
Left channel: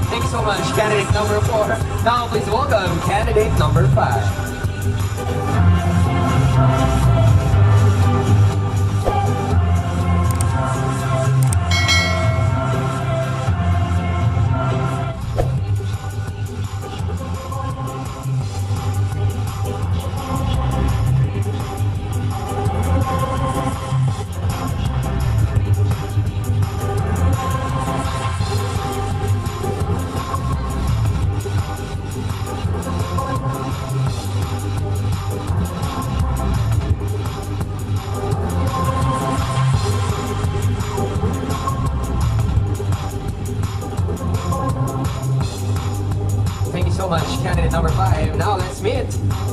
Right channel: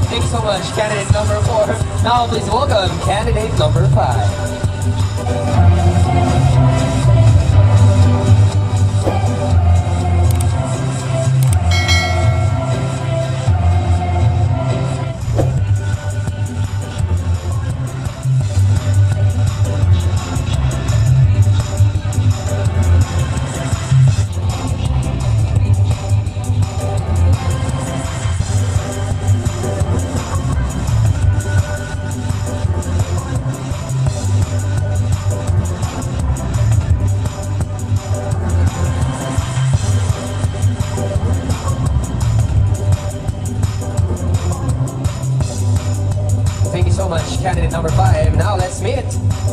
Thank you so much, candidate number 4. Now please welcome candidate number 5. Thank you so much, candidate number 5. Now let's meet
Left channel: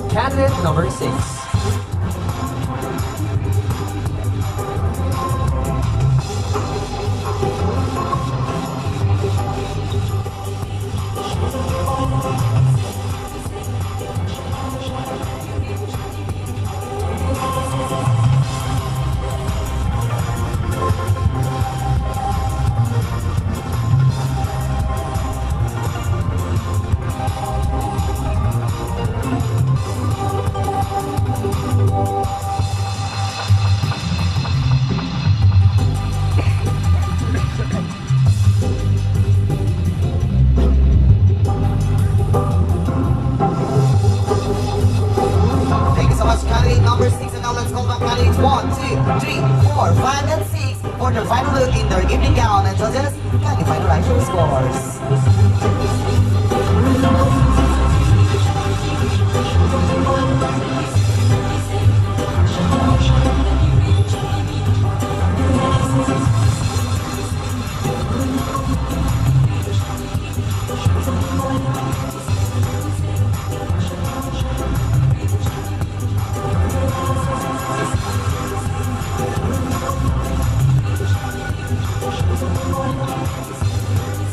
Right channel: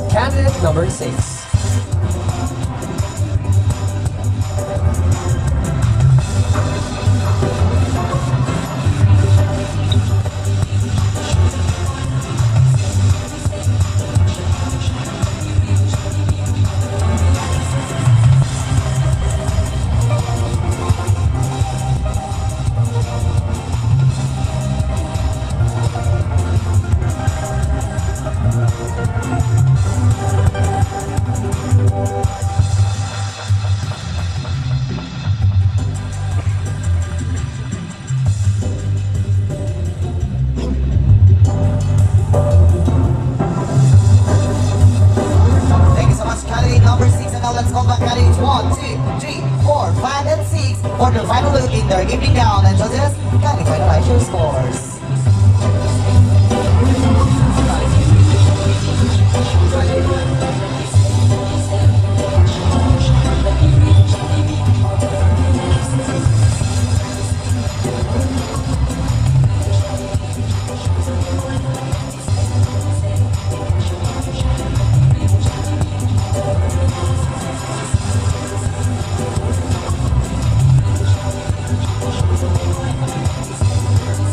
candidate number 6. Thank you so much, candidate number 6. And now let's call back candidates 1, 2, 3, 4, 5, and 6 for their final look in their evening gown. And judges, kindly finalize your scores.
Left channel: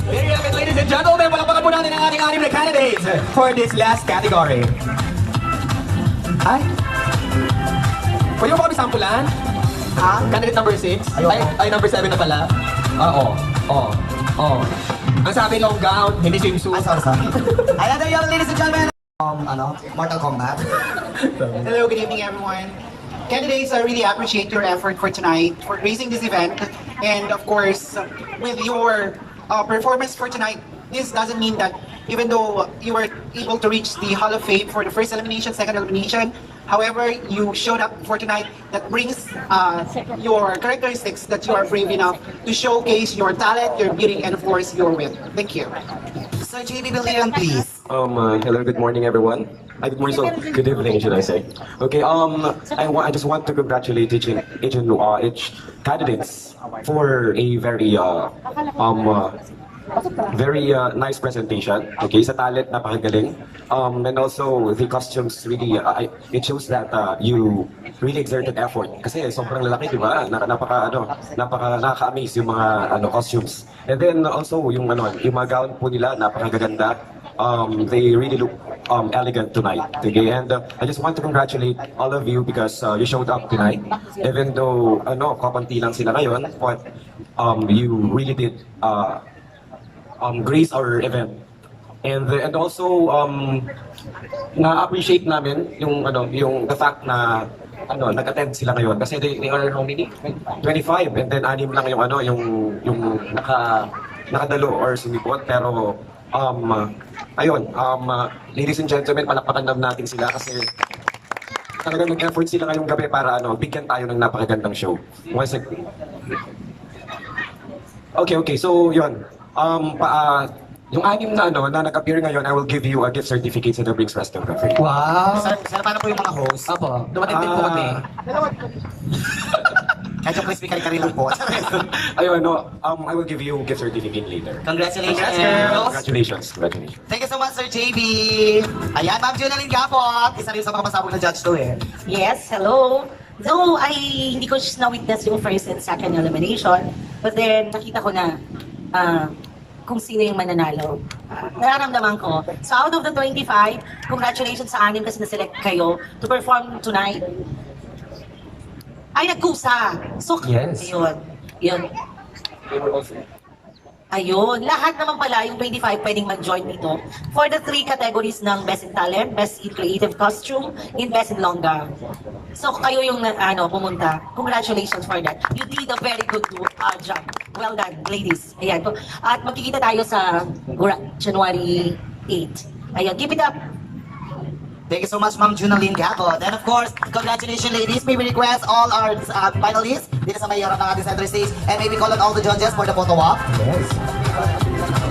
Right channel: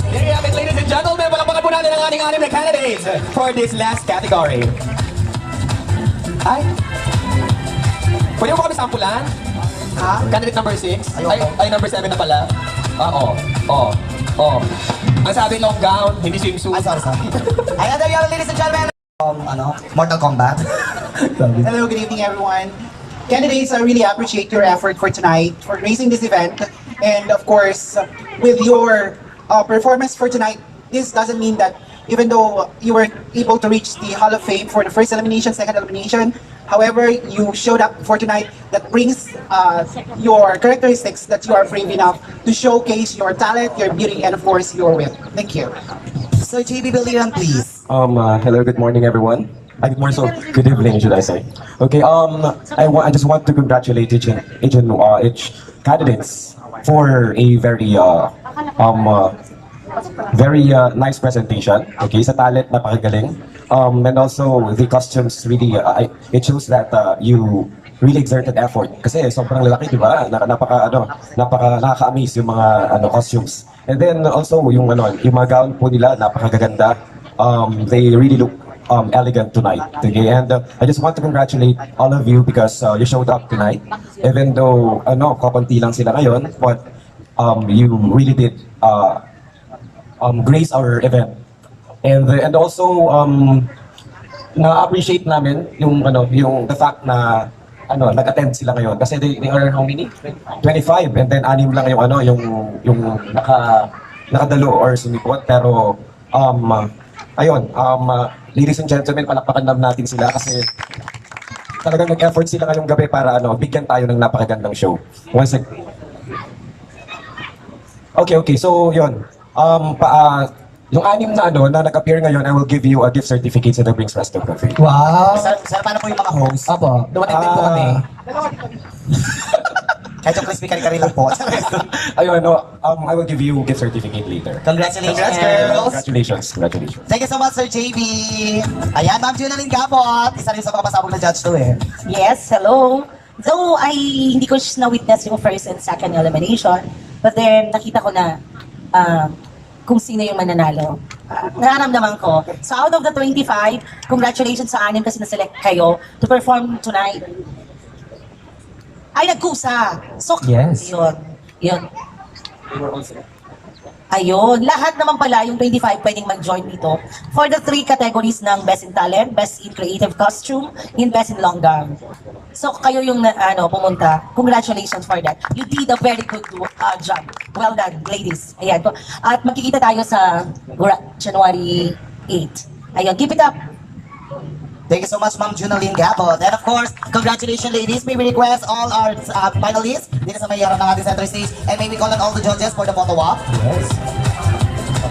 Here you have it, ladies and gentlemen. Palakpakan po natin ang ating 6 na candidates for this last category. Ay? Pwede mo ba kami sampulan? Ha? Candidate number 6? Ay, number 7 na pala. Oo. Ang sabi long gown, hindi swimsuit. Sorry. Ayan, there you have it, ladies and gentlemen. Mortal Kombat. Hello, good evening, everyone. Candidates, I really appreciate your effort for tonight, for raising this event. And of course, with your performance for tonight, this doesn't mean that even though you were able to reach the Hall of Fame for the first elimination, second elimination, however, you showed up for tonight, that brings your characteristics that you are brave enough to showcase your talent, your beauty, and of course, your wit. Thank you. So, JB Billion, please. Hello, good morning, everyone. Good morning, so good evening, should I say? Okay, I just want to congratulate each candidates for a very nice presentation. Okay, sa talent, napakagaling. And also the costumes really, it shows that you really exerted effort. Kasi sobrang lalaki, di ba? Nakaka-amaze yung mga costumes. And then also yung mga gown po nila, napakaganda. They really look elegant tonight. Okay, and I just want to congratulate all of you because you showed up tonight. Even though kapanti lang sila ngayon, but you really did grace our event. And also na-appreciate namin yung the fact na nag-attend sila ngayon kasi they are how many? 25, and then 6 lang yung nakadalo or sumipot, pero ayun, ladies and gentlemen, palakpakan lang natin sila kasi talagang nag-effort sila ngayong gabi para bigyan tayo ng napakagandang show. Once again. Okay, so yun. Yung anim na na nag-appear ngayon, I will give you a gift certificate sa The Brings Resto Cafe. Wow. Sir, paano po yung mga host? Apo, dumating din po kami. Kahit yung crispy kari-kari lang po. Ayun, I will give you gift certificate later. Congratulations, girls! Congratulations. Congratulations. Thank you so much, Sir JB. Ayan, Ma'am Junalyn Gapot. Isa rin sa mga masabog na judge to eh. Yes, hello. Though hindi ko na-witness yung first and second elimination, but then nakita ko na kung sino yung mananalo. Nararamdaman ko. So out of the 25, congratulations sa anim kasi na-select kayo to perform tonight. Ay, nagkusa. So, Yes. Yun. Ayun, lahat naman pala yung 25 pwedeng mag-join nito for the 3 categories ng Best in Talent, Best in Creative Costume, and Best in Long Gown. So kayo yung pumunta. Congratulations for that. You did a very good job. Well done, ladies. Ayan. At magkikita tayo sa January 8. Ayun, keep it up. Thank you so much, Ma'am Junalyn Gapot. And of course, congratulations, ladies. May we request all our finalists dito sa mayroon ng ating center stage. And may we call on all the judges for the photo walk. Yes.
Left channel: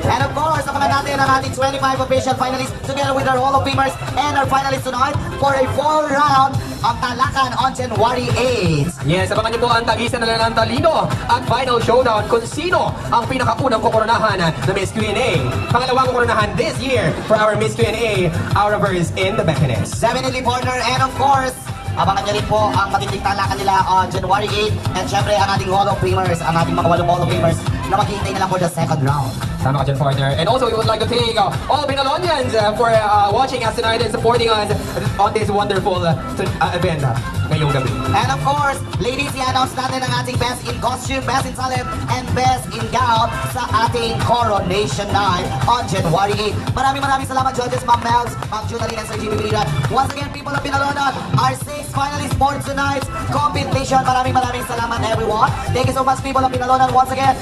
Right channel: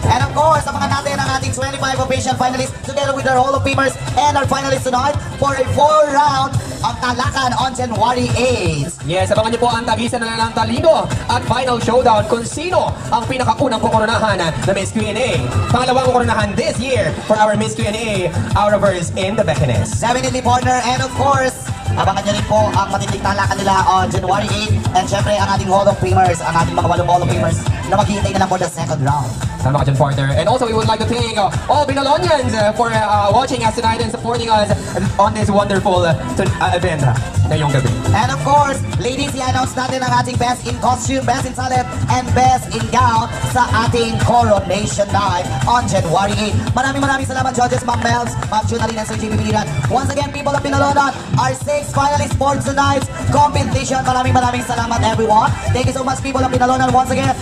And of course, abangan natin ang ating 25 official finalists together with our Hall of Famers and our finalists tonight for a 4-round ang talakan on January 8. Yes, abangan niyo po ang tagisan na ng talino at final showdown kung sino ang pinakaunang kukoronahan na Miss Q&A. Pangalawang kukoronahan this year for our Miss Q&A, Outrovers in the Beckenes. Definitely, partner. And of course, abangan niyo rin po ang matinding talakan nila on January 8. And syempre, ang ating Hall of Famers, ang ating mga walong Hall of Famers na maghihintay na lang for the second round. Tama ka dyan, partner. And also, we would like to thank all Binalonians for watching us tonight and supporting us on this wonderful event ngayong gabi. And of course, ladies, i-announce natin ang ating Best in Costume, Best in Talent, and Best in Gown sa ating Coronation Night on January 8. Maraming salamat, judges, Ma'am Melz, Ma'am Junalyn, and Sir Jimmy Biliran. Once again, people of Binalonan, our 6 finalists for tonight's competition. Maraming salamat, everyone. Thank you so much, people of Binalonan. Once again,